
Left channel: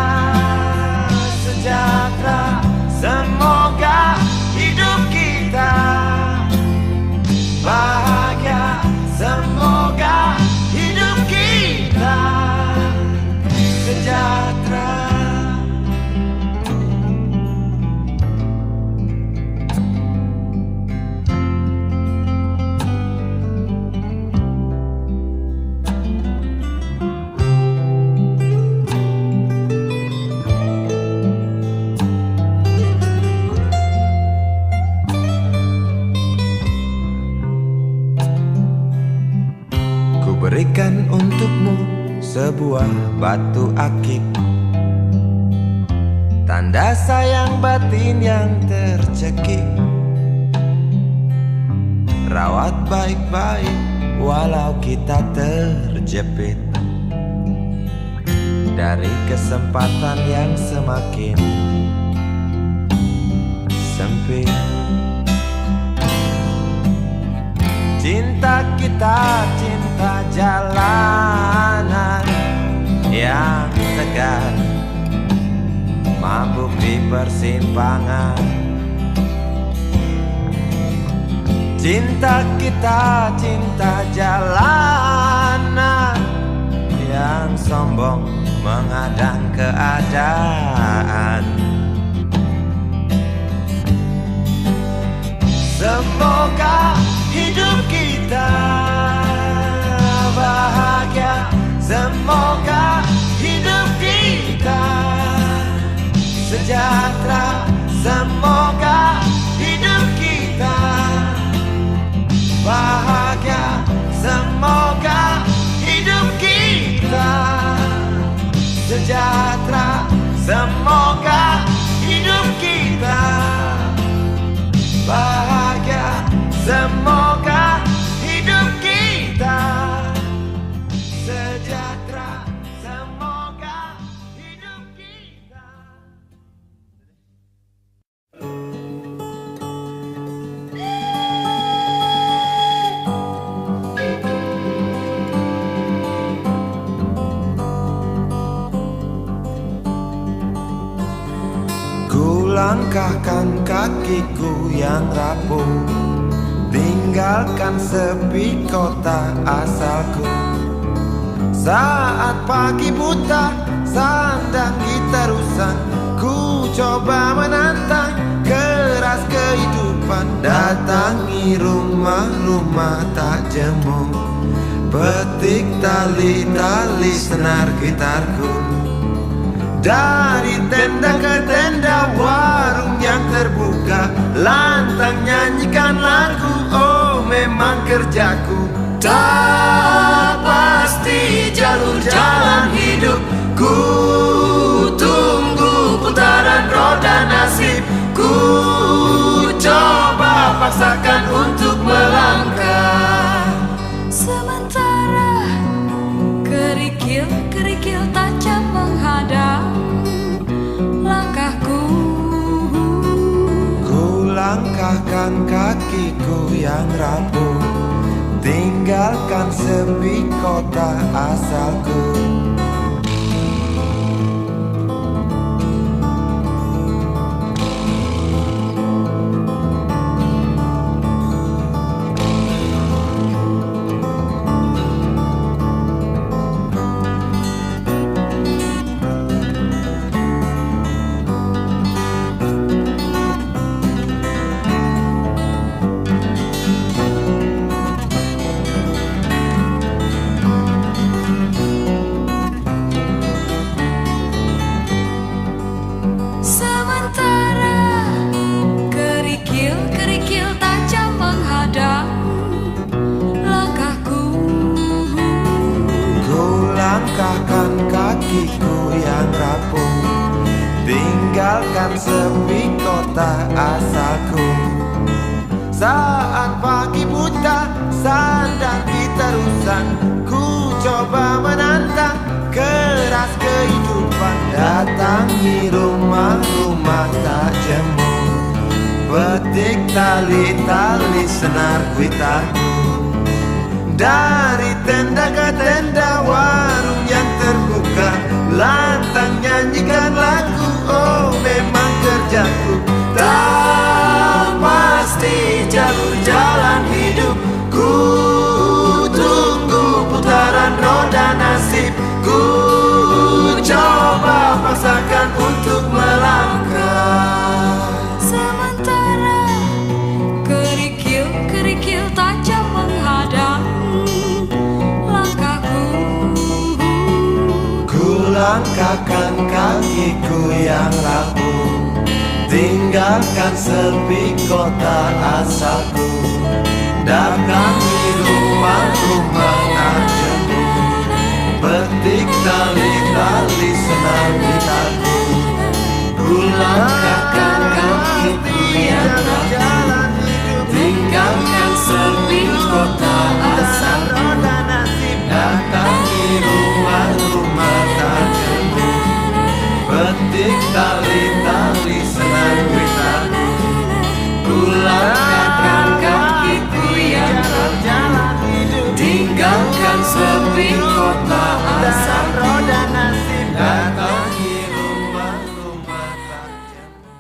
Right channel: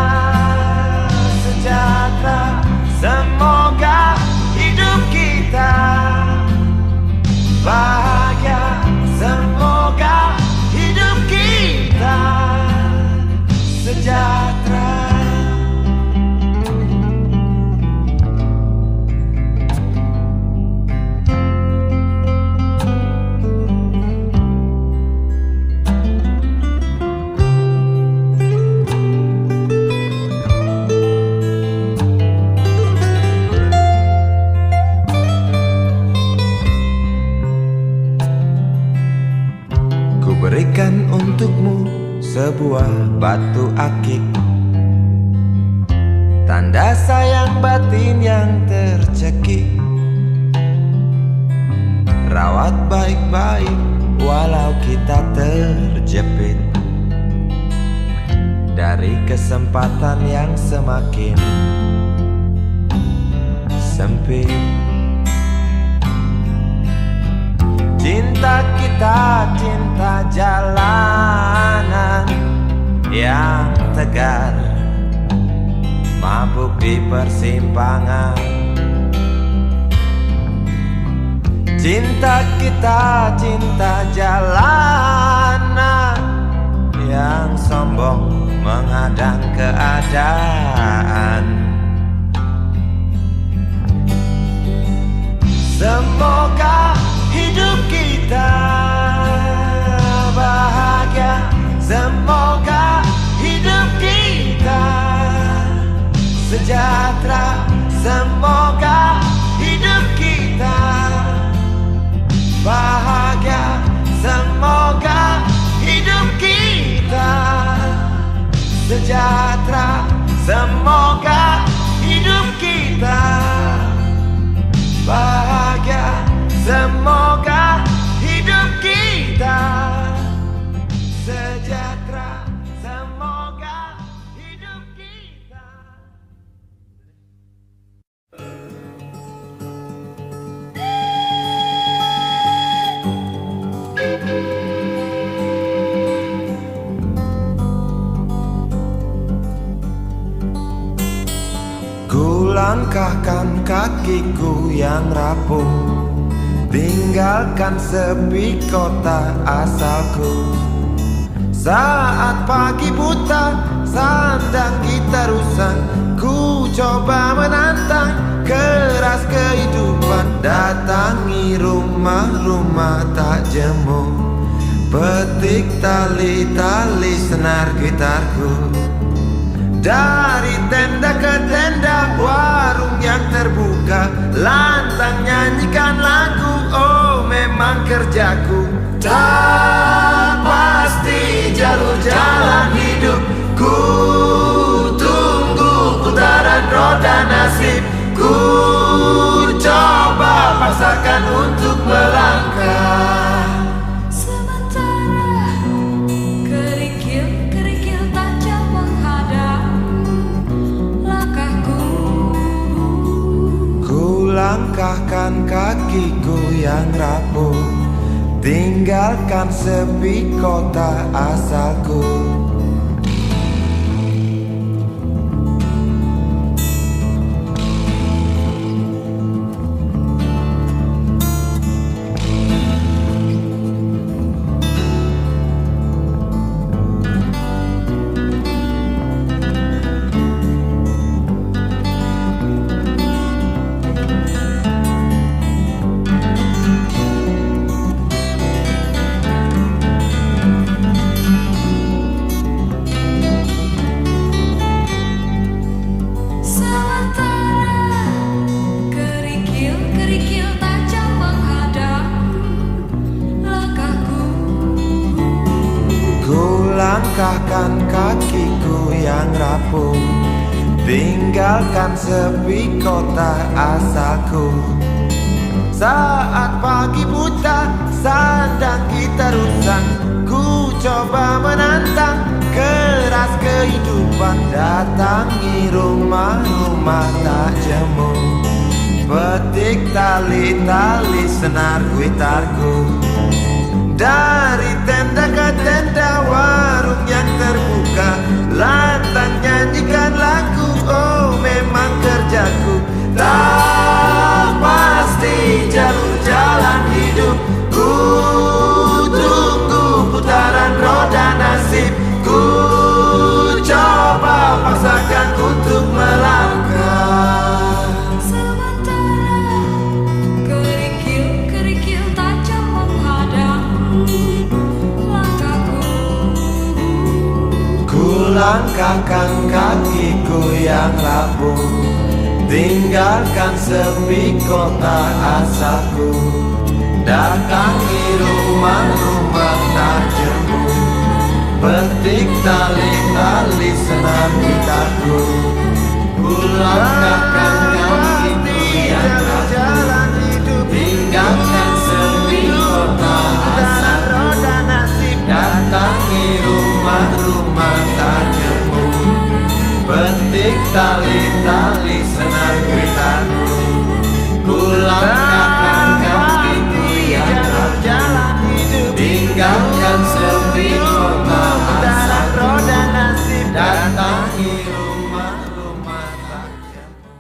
sejahtera, semoga hidup kita bahagia, semoga hidup kita sejahtera. sebuah batu akik, tanda sayang batin yang tercekik. Rawat baik-baik walau kita terjepit dari kesempatan yang semakin sempit. Cinta kita cinta jalanan yang tegar, mabuk di persimpangan. Cinta kita cinta jalanan yang sombong menghadang keadaan. Semoga hidup kita bahagia, semoga hidup kita sejahtera, semoga hidup kita bahagia, semoga hidup kita sejahtera, semoga hidup kita bahagia, semoga hidup kita sejahtera, semoga hidup kita. Ku langkahkan kakiku yang rapuh, tinggalkan sepi kota asalku. Saat pagi buta, sandang gitar usang, ku coba menantang keras kehidupan. Datangi rumah-rumah tak jemu, petik tali-tali senar gitarku. Dari tenda ke tenda, warung yang terbuka, lantang nyanyikan lagu, oh memang kerjaku. Tak pasti jalur jalan hidup, ku tunggu putaran roda nasib. Ku coba paksakan untuk melangkah. Sementara kerikil-kerikil tajam menghadang langkahku. Ku langkahkan kakiku yang rapuh, tinggalkan sepi kota asalku. Langkahkan kakiku yang rapuh, tinggalkan sepi kota asalku. Saat pagi buta, sandang gitar usang, ku coba menantang keras kehidupan. Datangi rumah-rumah tak jemu, petik tali-tali senar gitarku. Dari tenda ke tenda, warung yang terbuka, lantang nyanyikan lagu, oh memang kerjaku. Tak pasti jalur jalan hidup, ku tunggu putaran roda nasib. Ku coba paksakan untuk melangkah. Sementara kerikil-kerikil tajam menghadang langkahku. Ku langkahkan kakiku yang rapuh, tinggalkan sepi kota asalku. Datangi rumah-rumah tak jemu, Petik tali-tali senar gitarku, ku langkahkan kakiku yang rapuh, tinggalkan sepi kota asalku, datangi rumah-rumah tak jemu. Petik tali-tali senar gitarku, ku langkahkan kakiku yang rapuh, tinggalkan sepi kota asalku, datangi rumah-rumah tak jemu.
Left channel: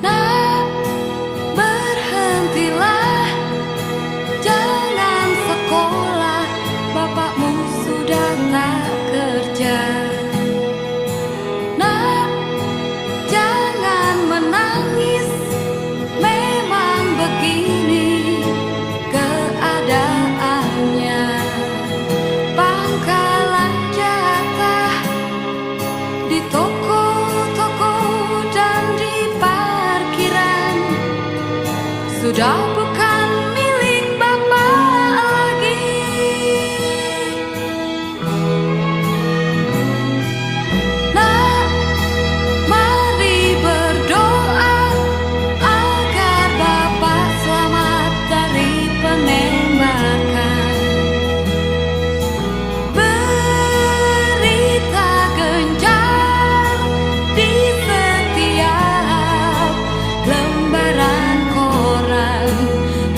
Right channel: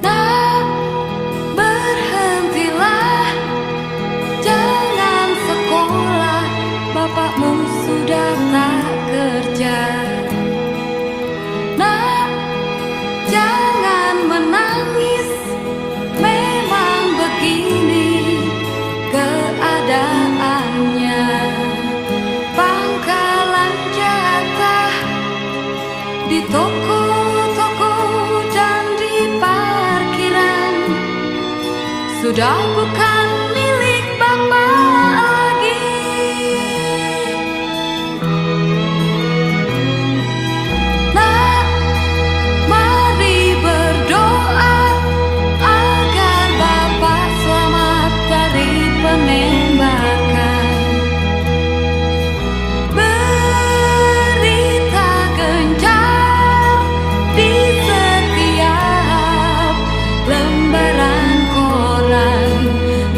Nak, berhentilah, jangan sekolah, bapakmu sudah tak kerja. Nak, jangan menangis, memang begini keadaannya. Pangkalan jatah di toko-toko dan di parkiran sudah bukan milik bapak lagi. Nak, mari berdoa agar bapak selamat dari penembakan. Berita gencar di setiap lembaran koran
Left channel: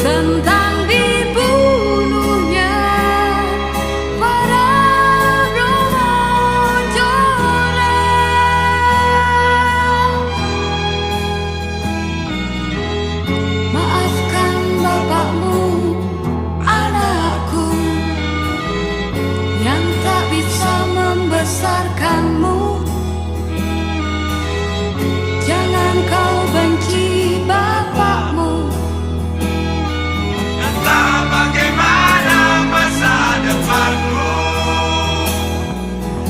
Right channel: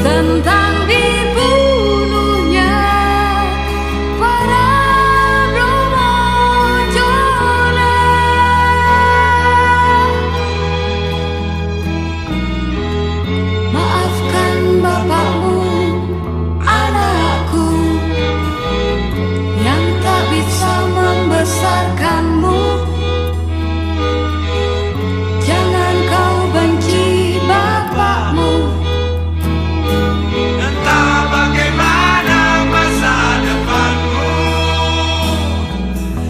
tentang dibunuhnya para Bromojora. Maafkan bapakmu, anakku, yang tak bisa membesarkanmu. Jangan kau benci bapakmu. Entah bagaimana masa depanmu,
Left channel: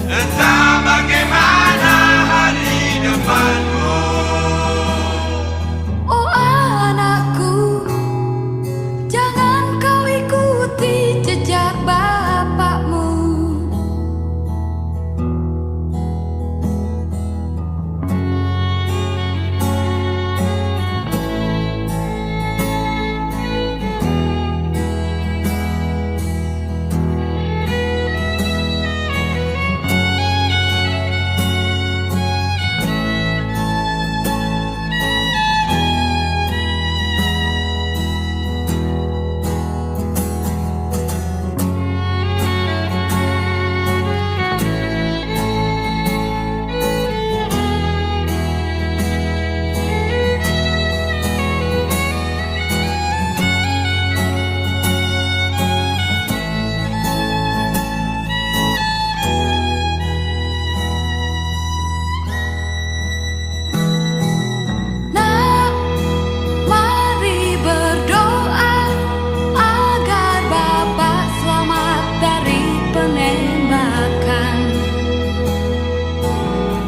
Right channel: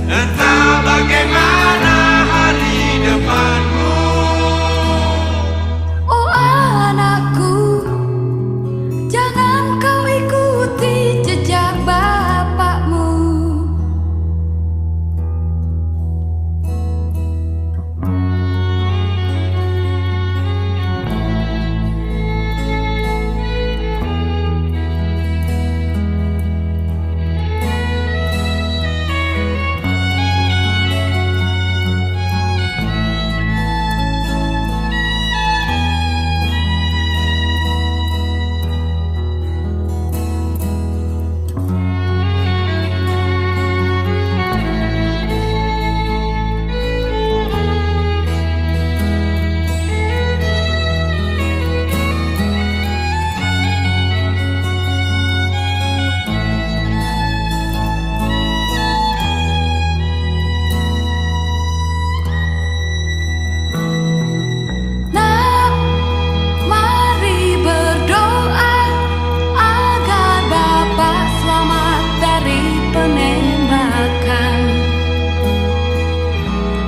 entah bagaimana hari depanmu. Oh anakku, jangan kau ikuti jejak bapakmu. Nak, mari berdoa agar bapak selamat dari penembakan.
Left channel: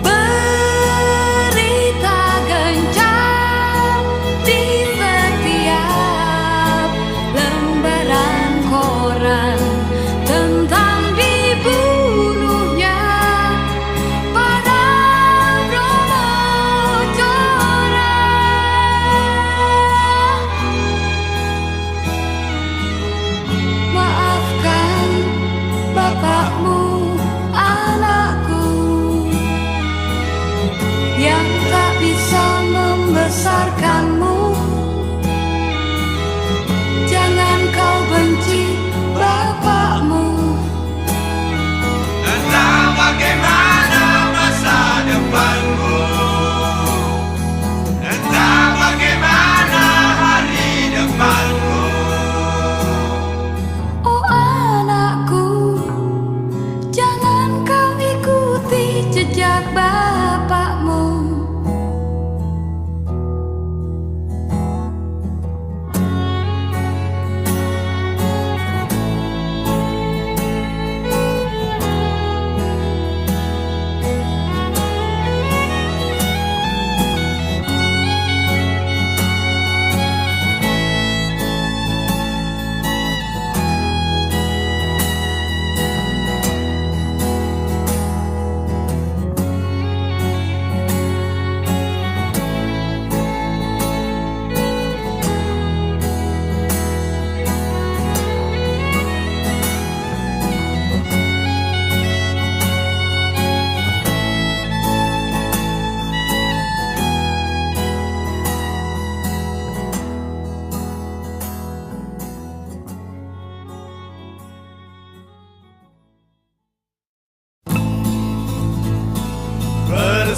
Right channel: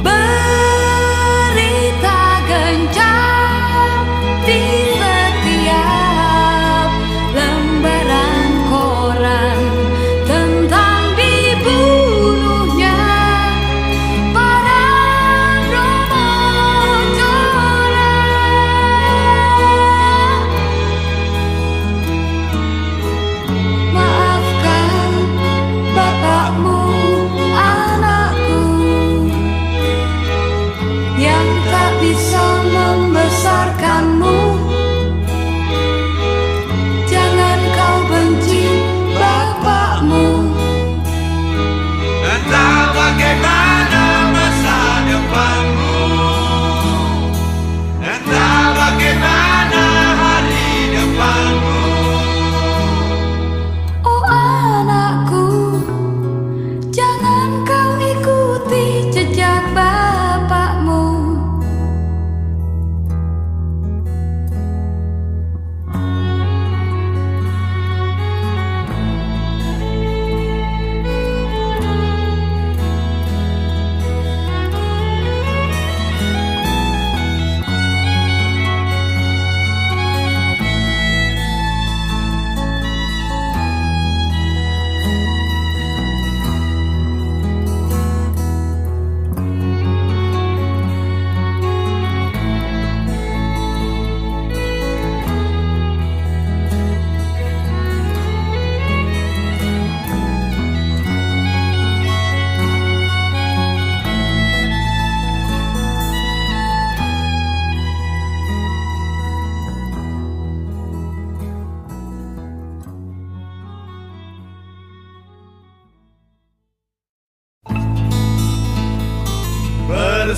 Berita gencar di setiap lembaran koran tentang dibunuhnya para Bromojora. Maafkan bapakmu, anakku, yang tak bisa membesarkanmu. Jangan kau benci bapakmu. Entah bagaimana masa depanmu, entah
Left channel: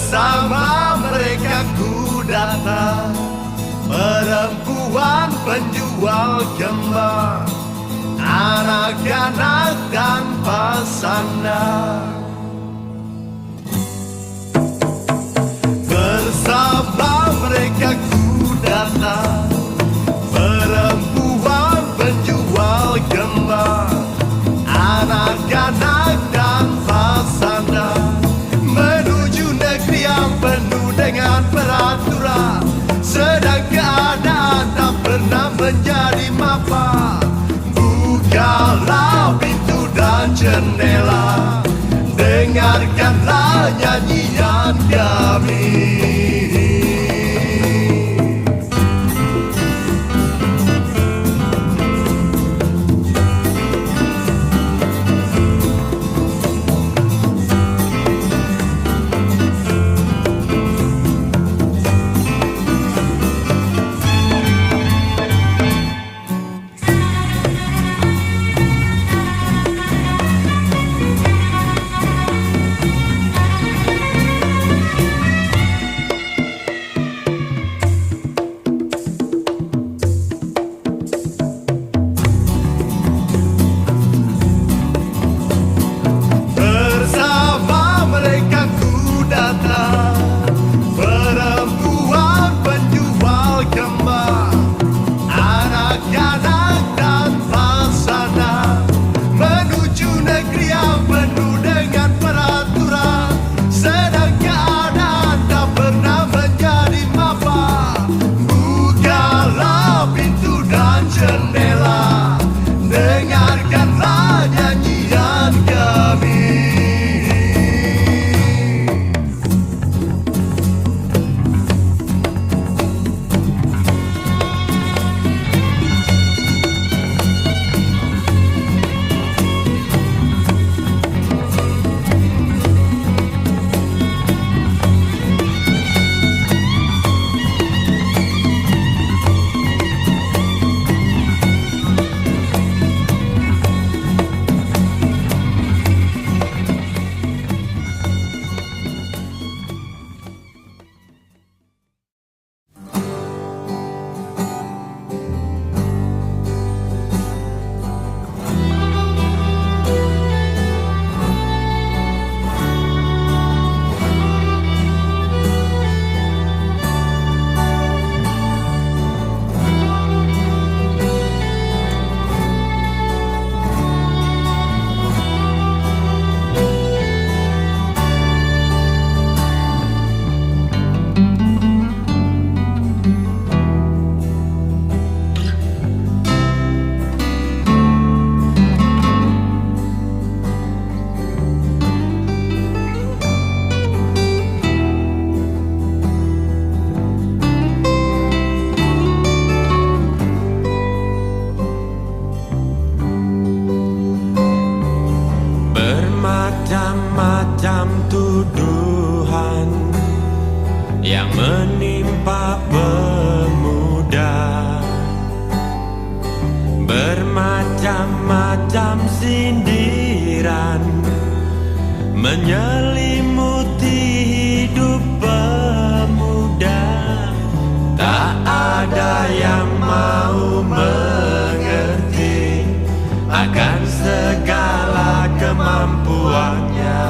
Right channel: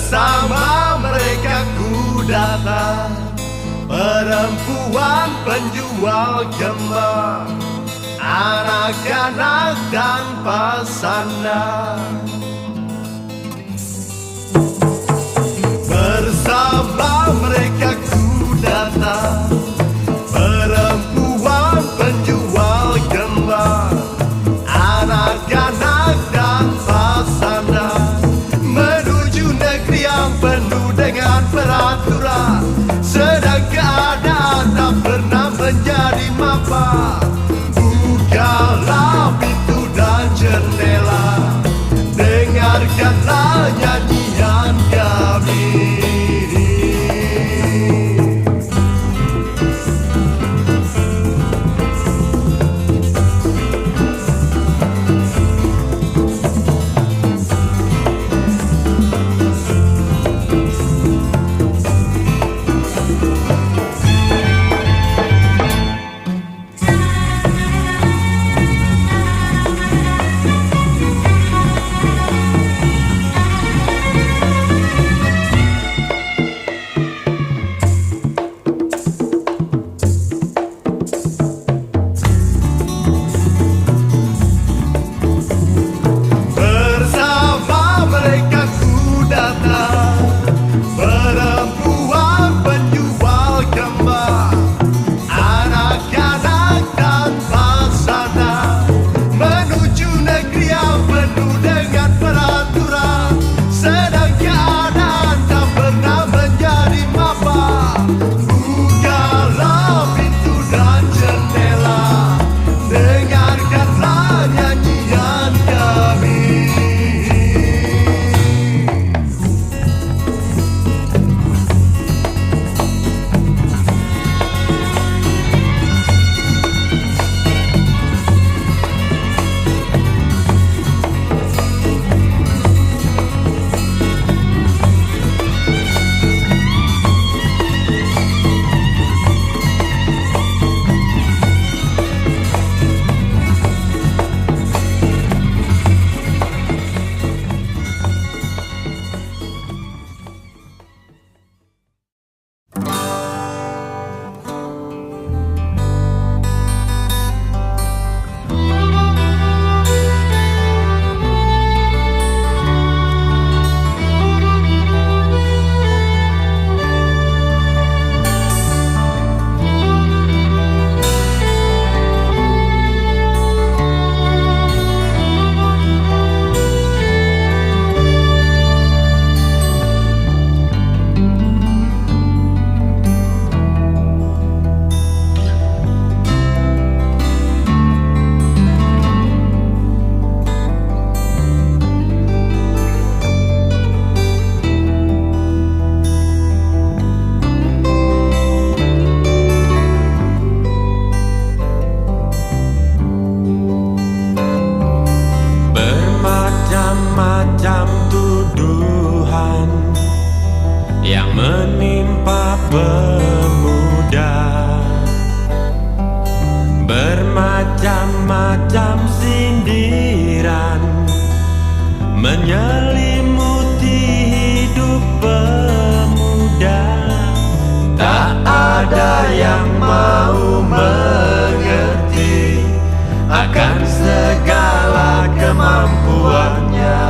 Bersama mereka ku datang, perempuan penjual gembak, anak-anak tanpa sandang. Bersama mereka ku datang, perempuan penjual gembak, anak-anak tanpa sandang, menuju negeri yang penuh dengan peraturan, sedang keadaan tak pernah menjadi mapan. Bukalah pintu dan jendela, dengarkanlah nyanyian kami. Perempuan penjual gembak, anak-anak tanpa sandang, menuju negeri yang penuh dengan peraturan, sedang keadaan tak pernah menjadi mapan. Bukalah pintu dan jendela, dengarkanlah nyanyian kami. Bermacam-macam tuduhan yang menimpa pemuda, bermacam-macam sindiran menyelimuti hidup pemuda. Tak ada yang mau mengerti akan segala kemampuannya,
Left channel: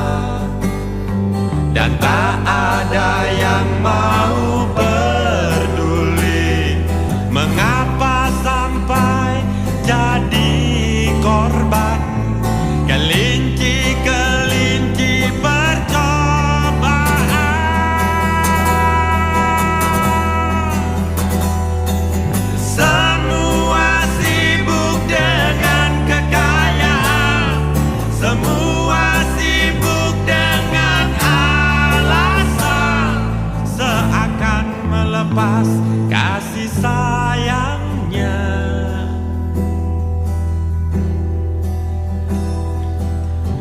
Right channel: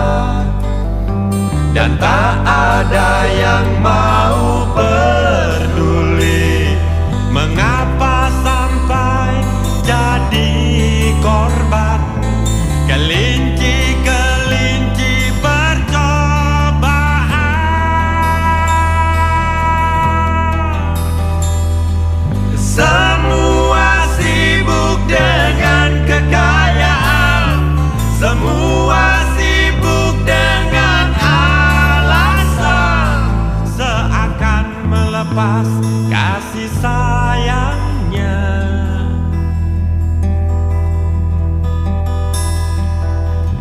dan tak ada yang mau peduli mengapa sampai jadi korban kelinci-kelinci percobaan. Semua sibuk dengan kekayaan, semua sibuk dengan alasan, seakan melepas kasih sayangnya.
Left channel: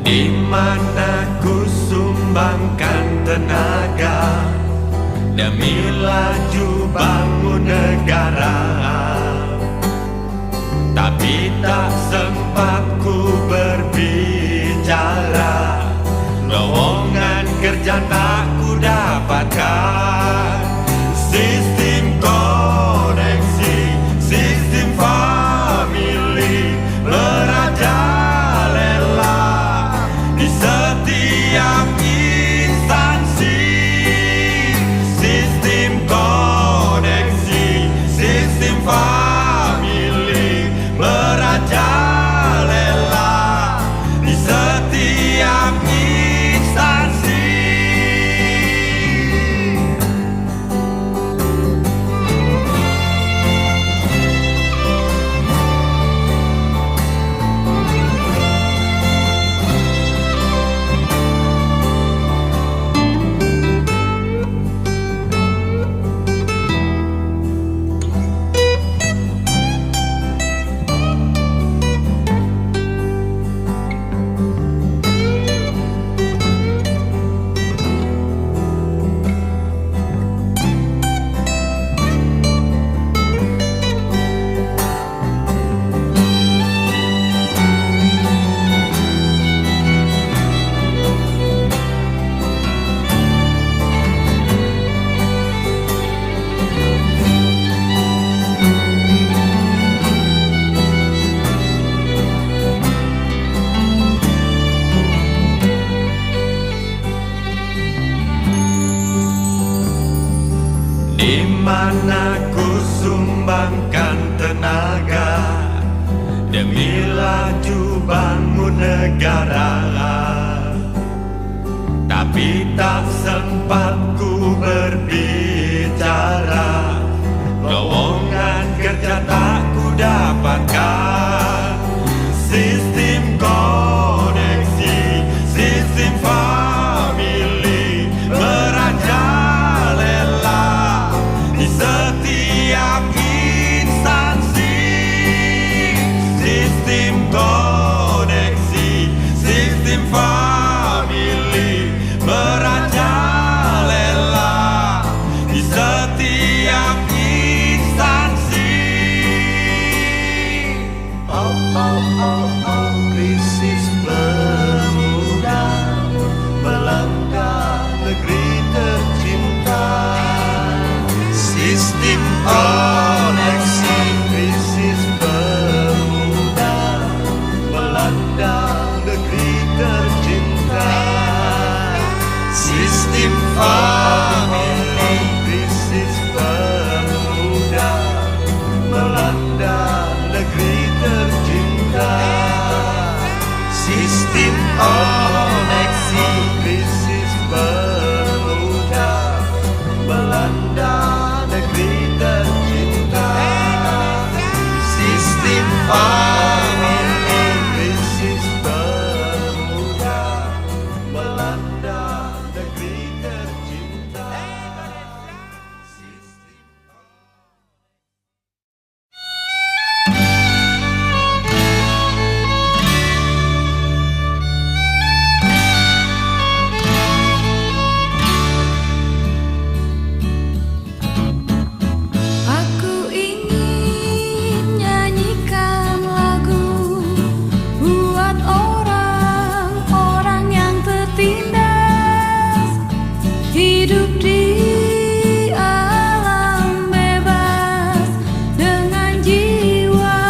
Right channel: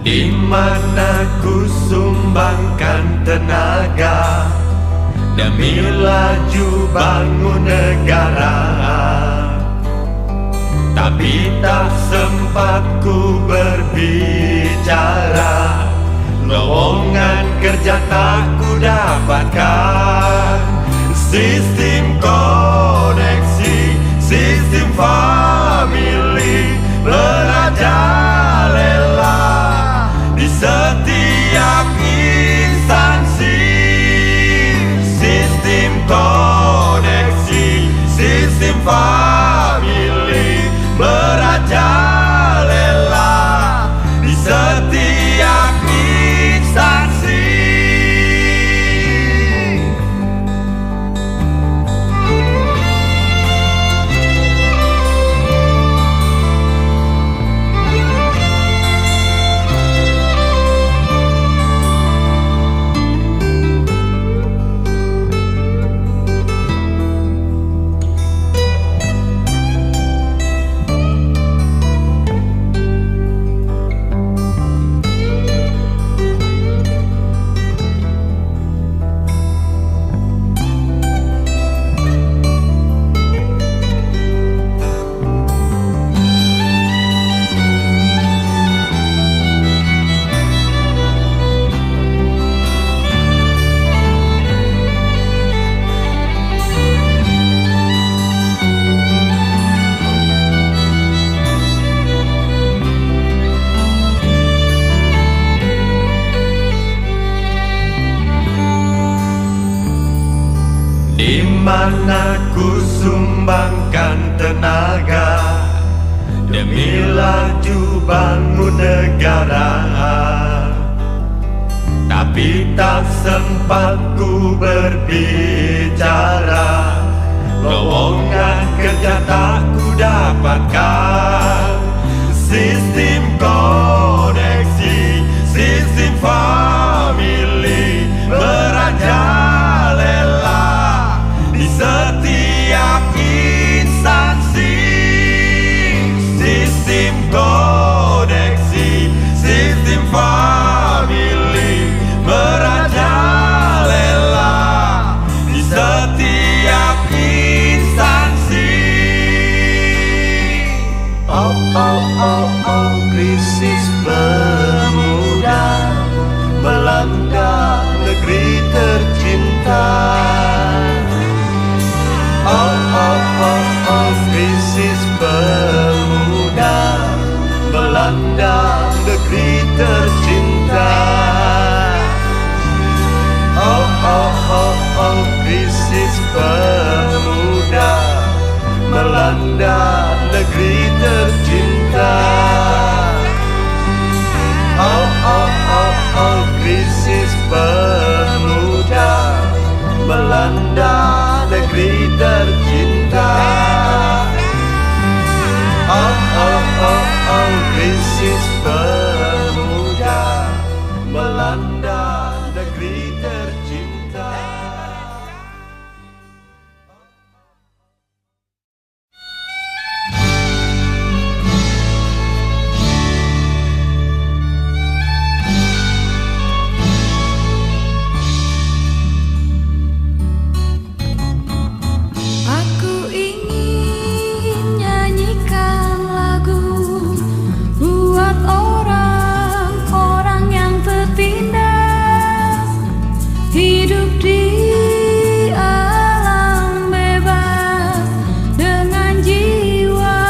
Di mana ku sumbangkan tenaga demi laju bangun negara, tapi tak sempat ku berbicara lowongan kerja tak ku dapatkan. Sistem koneksi, sistem family merajalela di setiap instansi. Sistem koneksi, sistem family merajalela di setiap instansi. Di mana ku sumbangkan tenaga demi laju bangun negara, tapi tak sempat ku berbicara. Lowongan kerja tak ku dapatkan. Sistem koneksi, sistem family merajalela di setiap instansi. Sistem koneksi, sistem family merajalela di setiap instansi. Oh, oh, oh, oh, krisis pemuda melanda negeri tercinta. Sistem oh, oh, oh, oh, krisis pemuda melanda negeri tercinta. Sistem oh, oh, oh, oh, krisis pemuda melanda negeri tercinta. Sistem oh, oh, oh, oh, krisis pemuda melanda negeri tercinta. Sistem oh, oh, oh, oh, krisis pemuda melanda negeri tercinta. Aku ingin nyanyikan lagu buat orang-orang yang tertindas, hidup di alam bebas dengan jiwa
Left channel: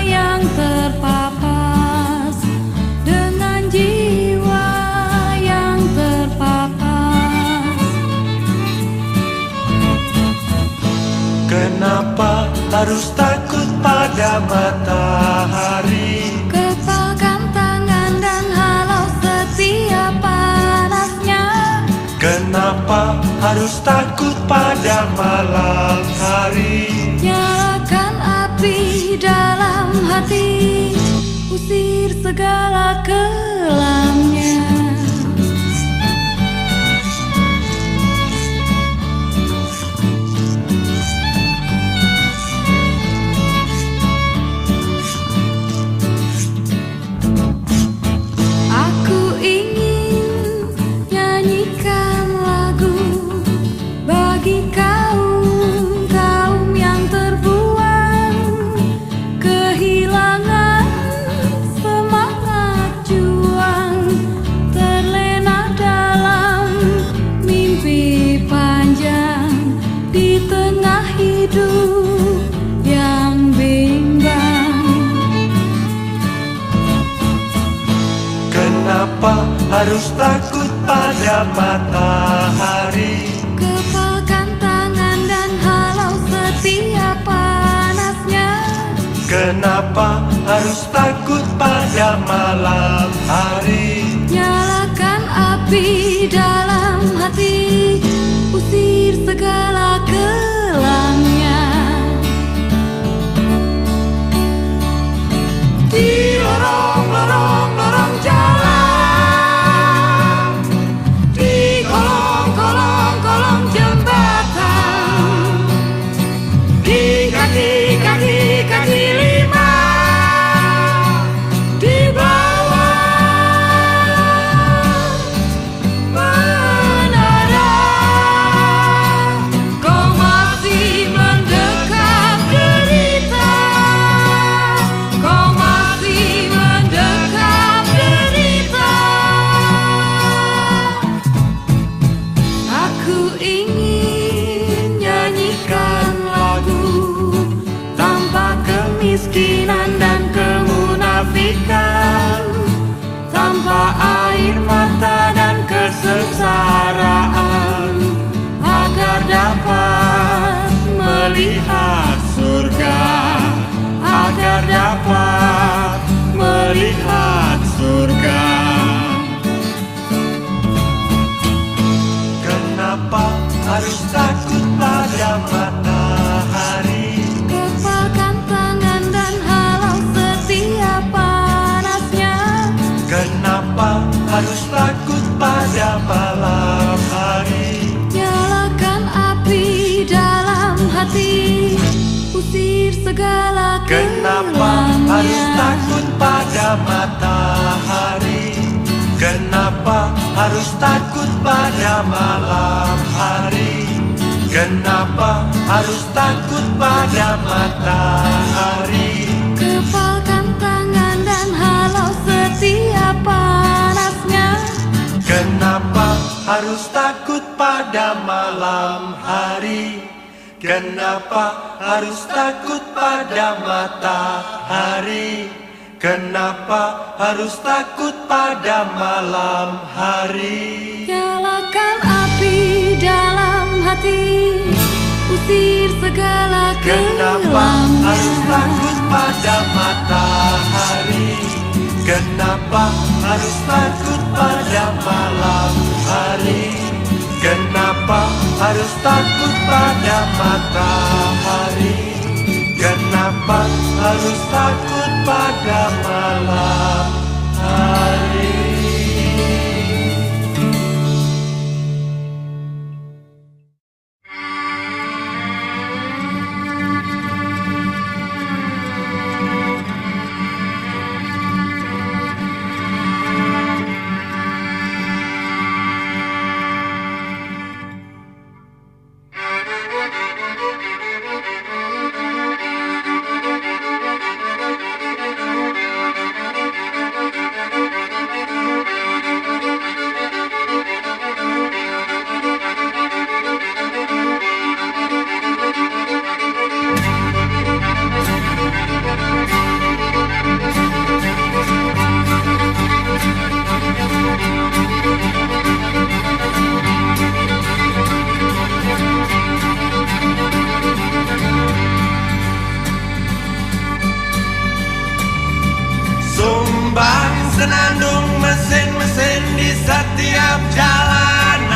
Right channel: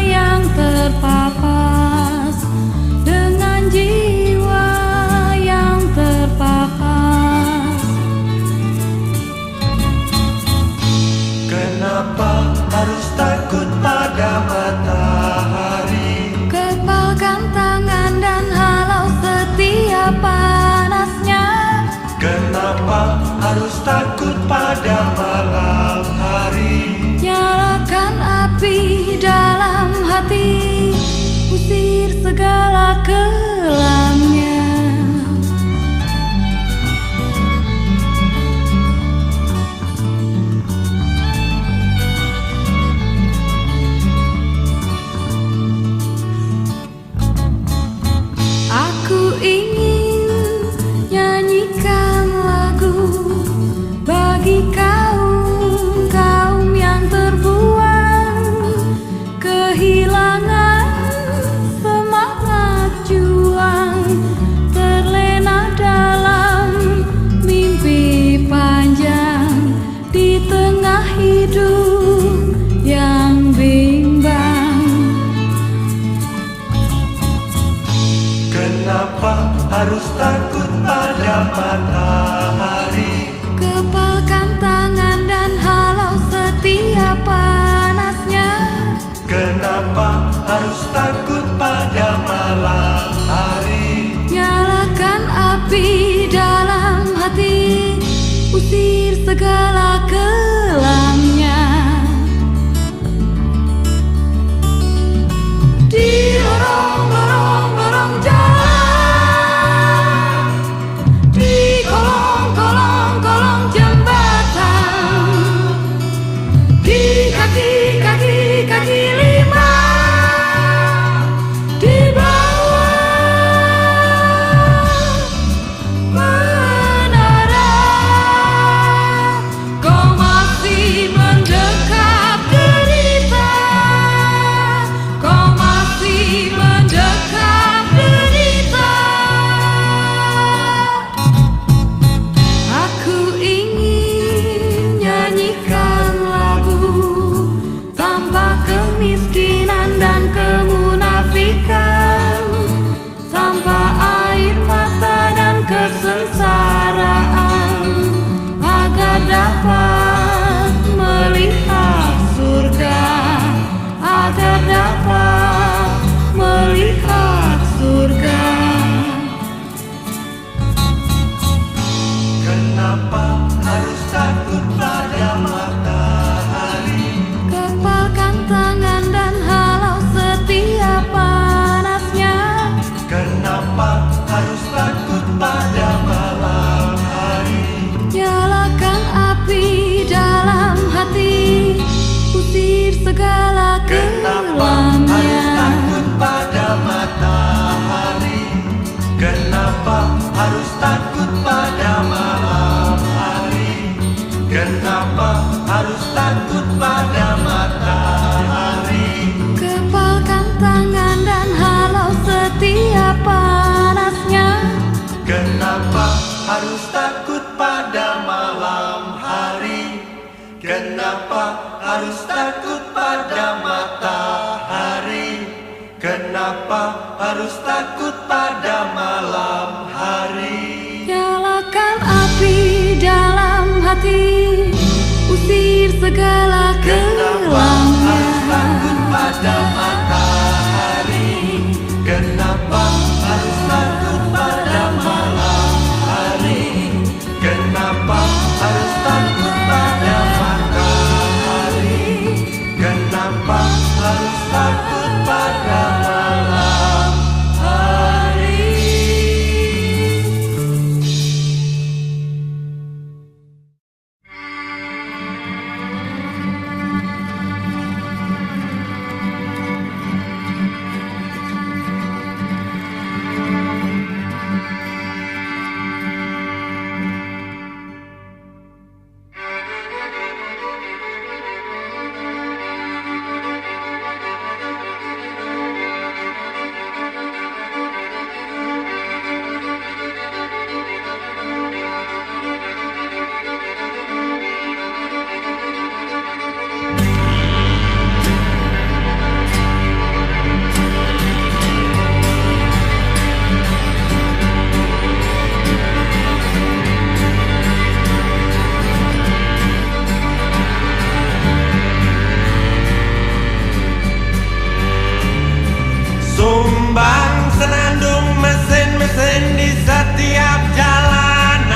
yang terpapas, dengan jiwa yang terpapas. Kenapa harus takut pada matahari? Kepalkan tangan dan halau setiap panasnya. Kenapa harus takut pada malam hari? Nyalakan api dalam hati, usir segala kelamnya. Aku ingin nyanyikan lagu bagi kaum yang terbuang, kehilangan semangat juang, terlena yang bimbang. Kenapa harus takut pada matahari? Kepalkan tangan dan halau setiap panasnya. Kenapa harus takut pada malam hari? Nyalakan api dalam hati, usir segala kelamnya. Di lorong-lorong jalan, di kolong jembatan, di kaki lima, di bawah menara, kau masih mendekap derita, kau masih mendekap derita. Aku ingin nyanyikan lagu tanpa kemiskinan dan kemunafikan, tanpa air mata dan kesengsaraan, agar dapat melihat surga, agar dapat melihat surga. Kenapa harus takut pada matahari? Kepalkan tangan dan halau setiap panasnya. Kenapa harus takut pada malam hari? Nyalakan api dalam hati, usir segala Kenapa kelamnya. harus takut pada matahari? Kenapa harus takut pada malam hari? Kenapa harus takut pada matahari? Kepalkan tangan dan halau setiap panasnya. Kenapa harus takut pada malam hari? Kenapa harus takut pada matahari? Kenapa harus takut pada malam hari? Nyalakan api dalam hati, usir segala Kenapa harus takut kelamnya. pada matahari? Kenapa harus takut pada malam hari? Kenapa harus takut pada matahari? Kenapa harus takut pada malam hari? Sumbang senandung mesin-mesin di setiap jalanan.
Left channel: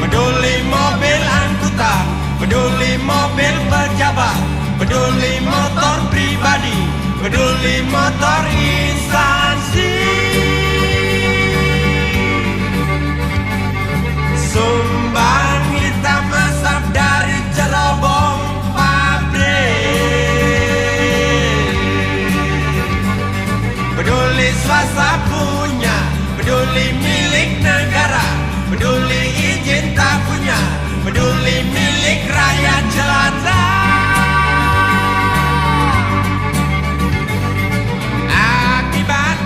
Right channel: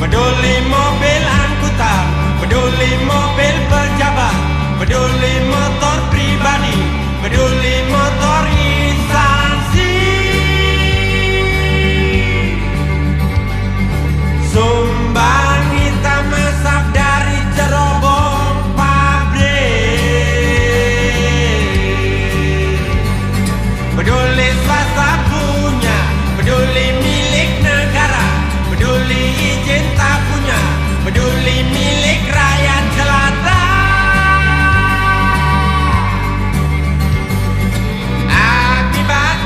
Peduli mobil angkutan, peduli mobil pejabat, peduli motor pribadi, peduli motor instansi. Sumbang hitam asap dari cerobong pabrik. Peduli swasta punya, peduli milik negara, peduli izin tak punya, peduli milik rakyat jelata. Akibat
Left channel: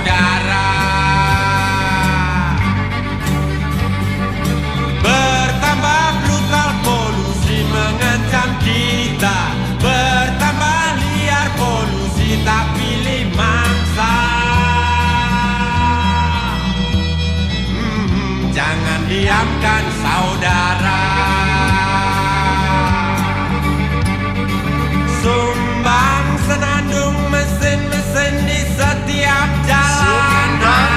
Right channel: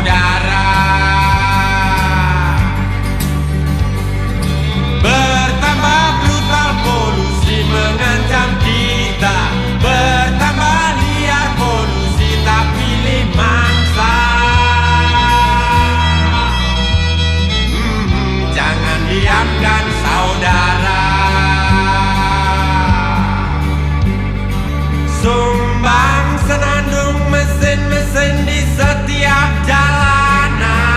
saudara. Bertambah brutal polusi mengancam kita, bertambah liar polusi tak pilih mangsa. Jangan diamkan saudara. Sumbang senandung mesin-mesin di setiap jalanan.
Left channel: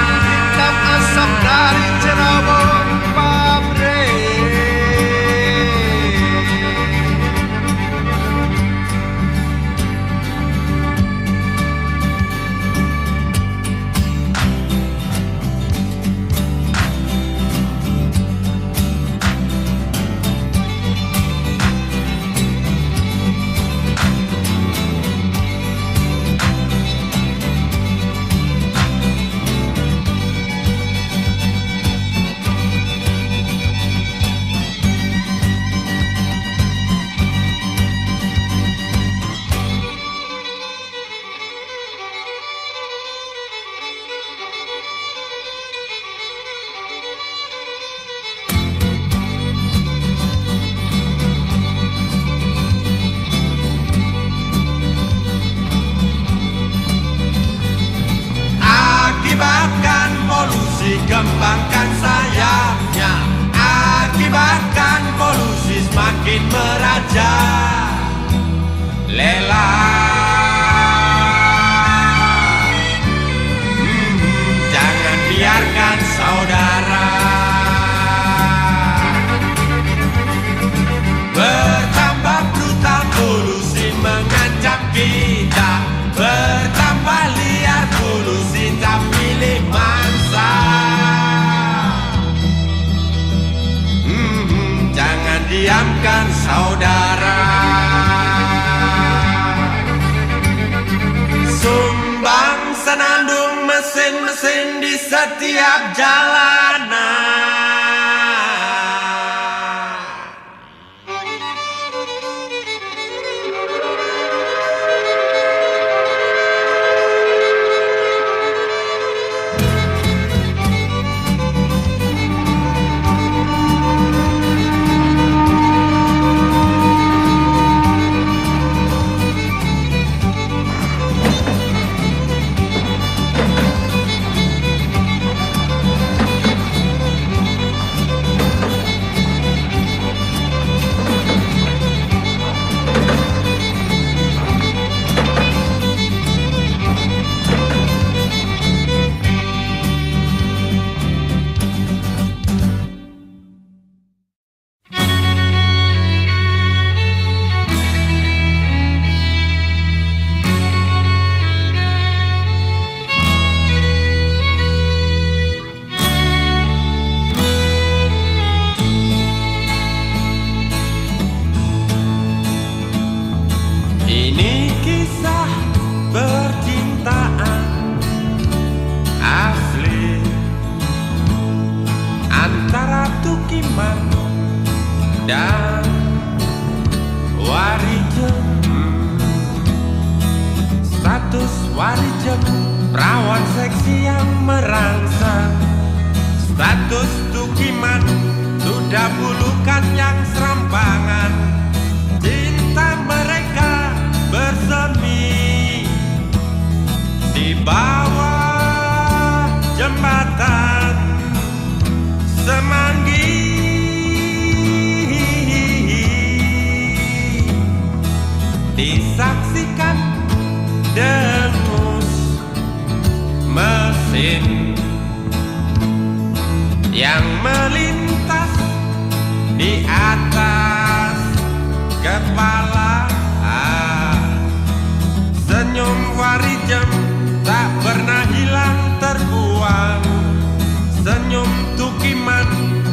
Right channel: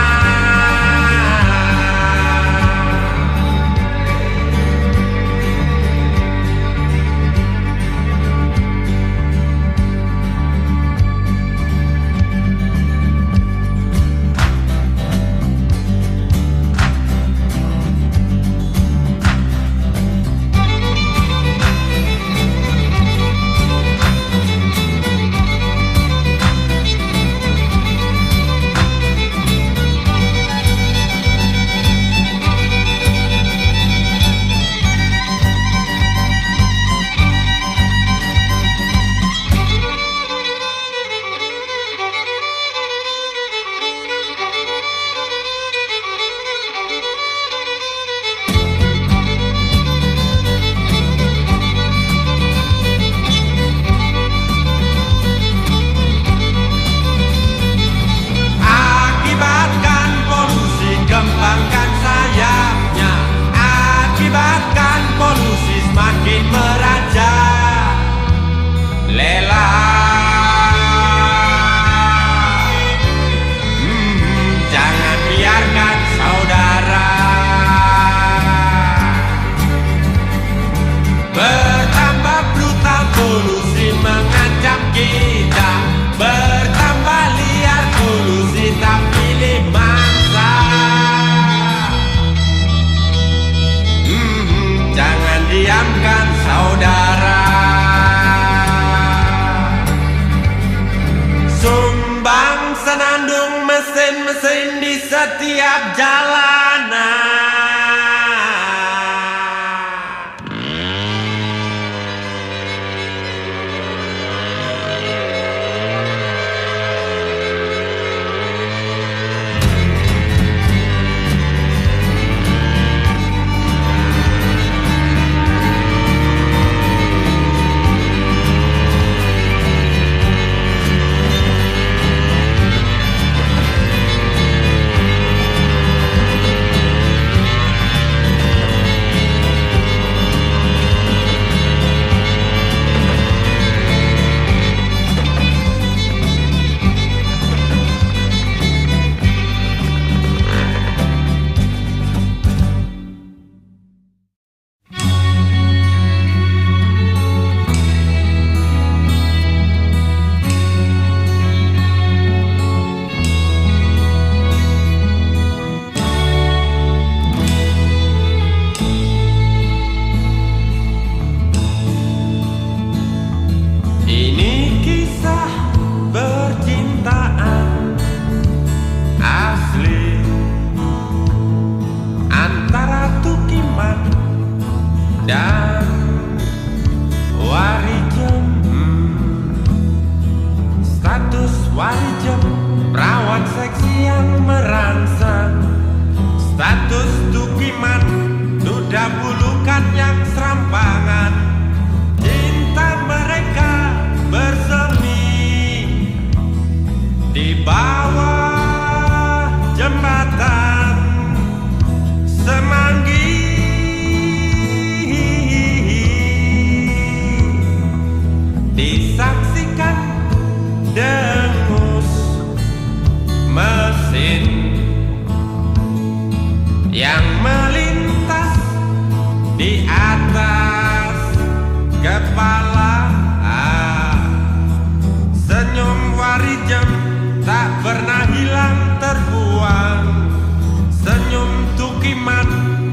Akibatkan polusi, kembangkan sayapnya. Akibatkan polusi semakin meraja. Lela, jangan biarkan saudara. Bertambah brutal polusi mengancam kita, bertambah liar polusi tak pilih mangsa. Jangan diamkan saudara. Sumbang senandung mesin-mesin di setiap jalanan. Ini kisah percintaan asli antara Tukiman dan Warijem. Status Warijem perawan seksi yang merangsang. Status Tukiman duda bulukan yang serampangan. Cinta mereka bersemi di bawah jembatan Semanggi. Disaksikan dengus mesin yang melintas di atas kepala. Senyum Warijem tak pernah hilang terbuang. Senyum Tukiman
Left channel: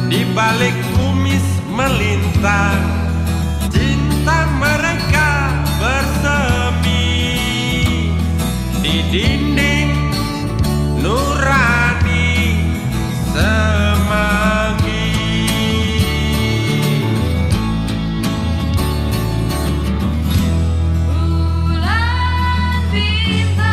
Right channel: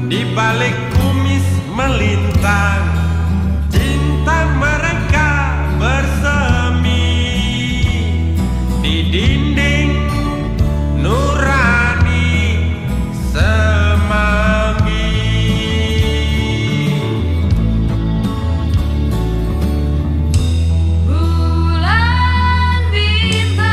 di balik kumis melintang. Cinta mereka bersemi di dinding nurani Semanggi. Bulan bintang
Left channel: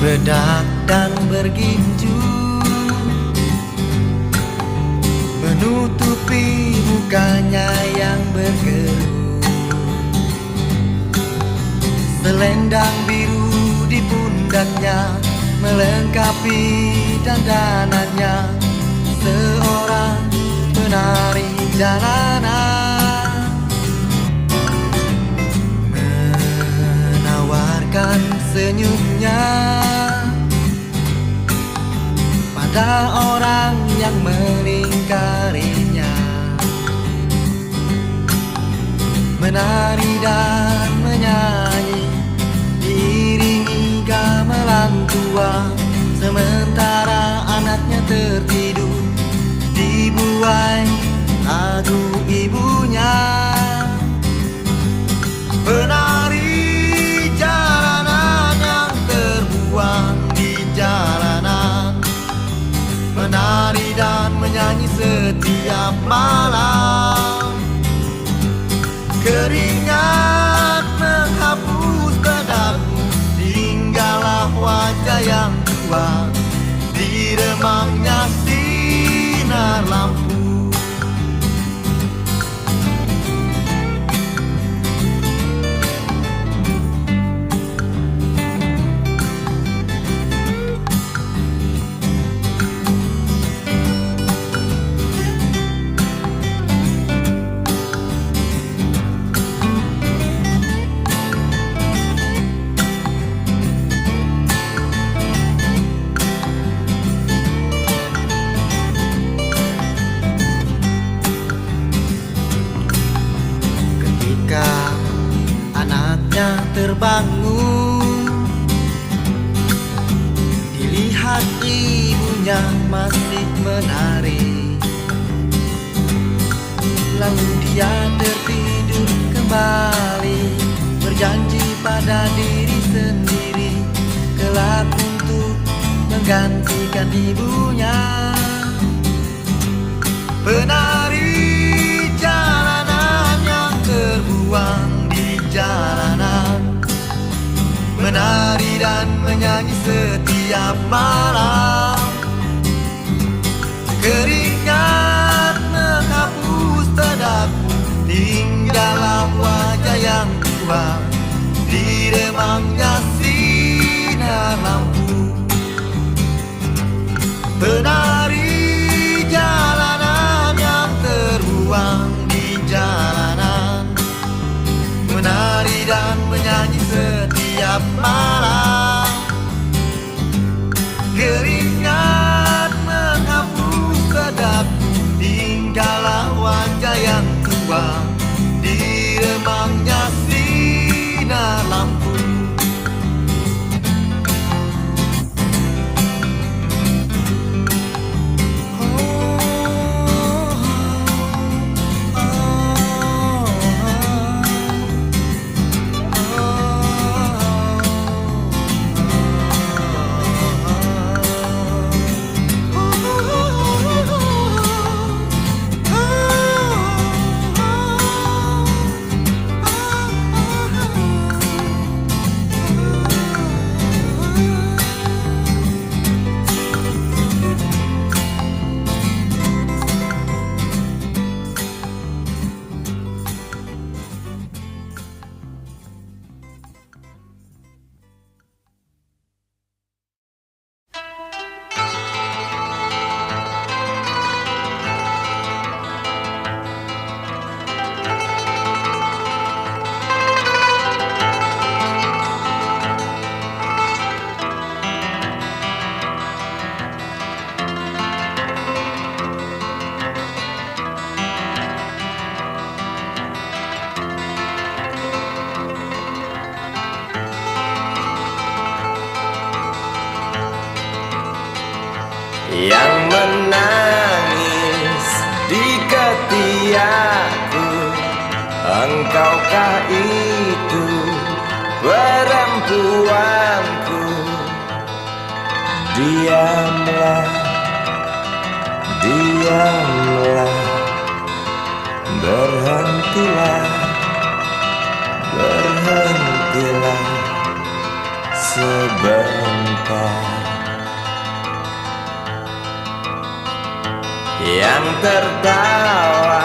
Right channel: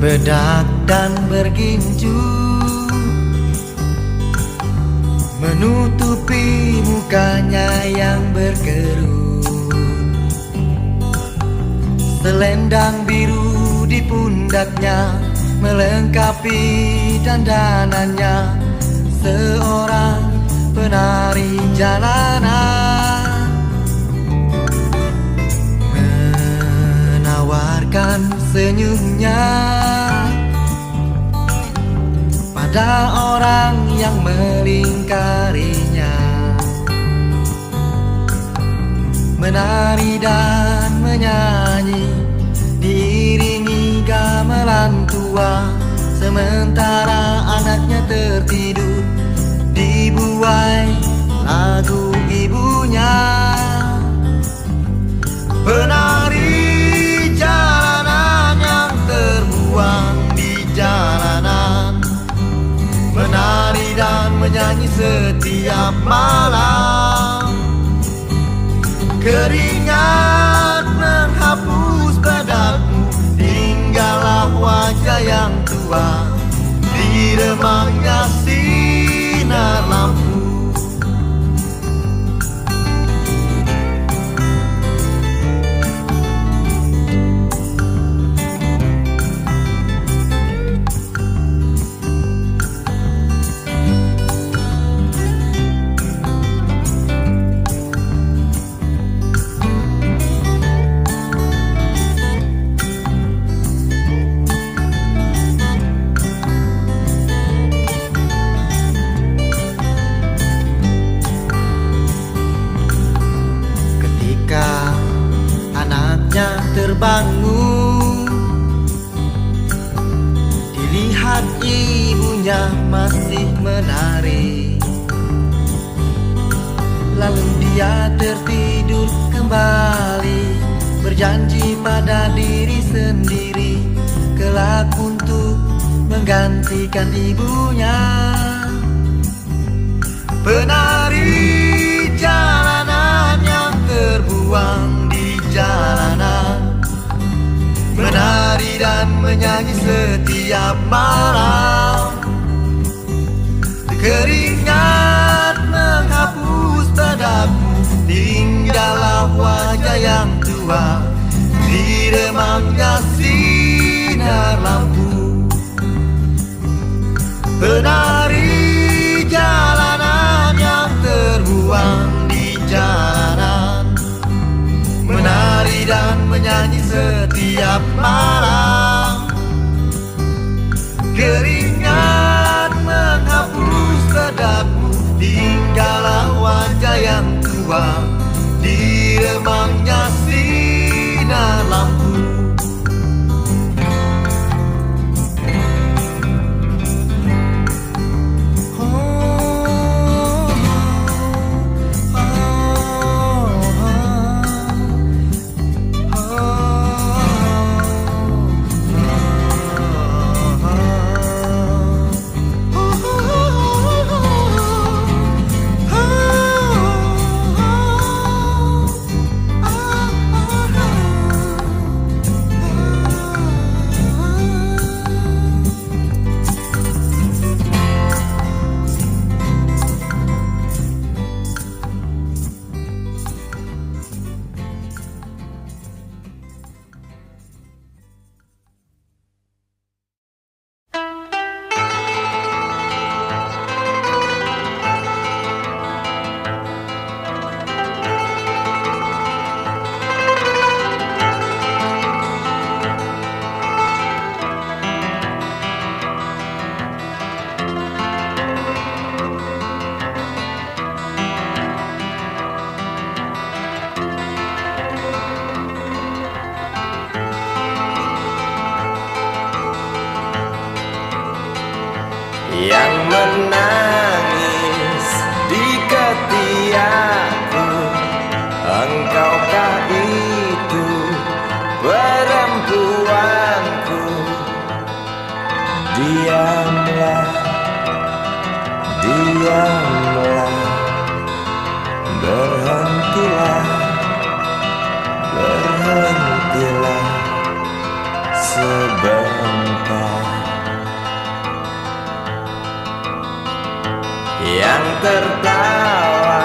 bedak dan berginju menutupi mukanya yang berkerut. Selendang biru di pundaknya melengkapi dandanannya, seorang penari jalanan menawarkan senyumnya pada orang yang melingkarinya. Menari dan menyanyi diiringi gamelan tua, sementara anaknya tertidur dibuai lagu ibunya. Penari jalanan yang terbuang di jalanan, menari dan menyanyi setiap malam. Keringat menghapus bedakmu, tinggallah wajah yang tua di remangnya sinar lampu. Ketika anaknya terbangun, dilihat ibunya masih menari. Lalu dia tertidur kembali, berjanji pada diri sendiri kelak untuk menggantikan ibunya. Penari jalanan yang terbuang di jalanan, menari dan menyanyi setiap malam. Keringat menghapus bedakmu, tinggallah wajah yang tua di remangnya sinar lampu. Penari jalanan yang terbuang di jalanan, menari dan menyanyi setiap malam. Keringat menghapus bedakmu, tinggallah wajah yang tua di remangnya sinar lampu. Yang menangis di ketiakku, engkaukah itu perempuanku? Diamlah, diamlah, berhentilah, berhentilah. sebentar. Yang tertawa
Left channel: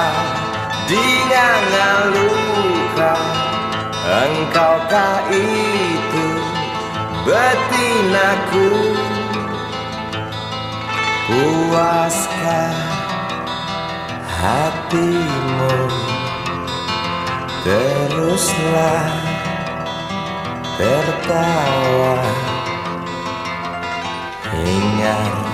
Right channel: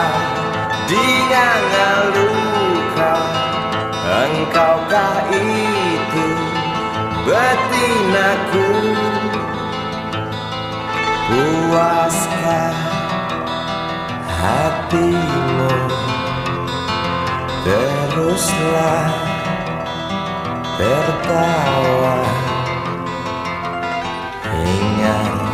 di nganga luka, engkaukah itu betinaku? Puaskah hatimu? Teruslah tertawa, ingat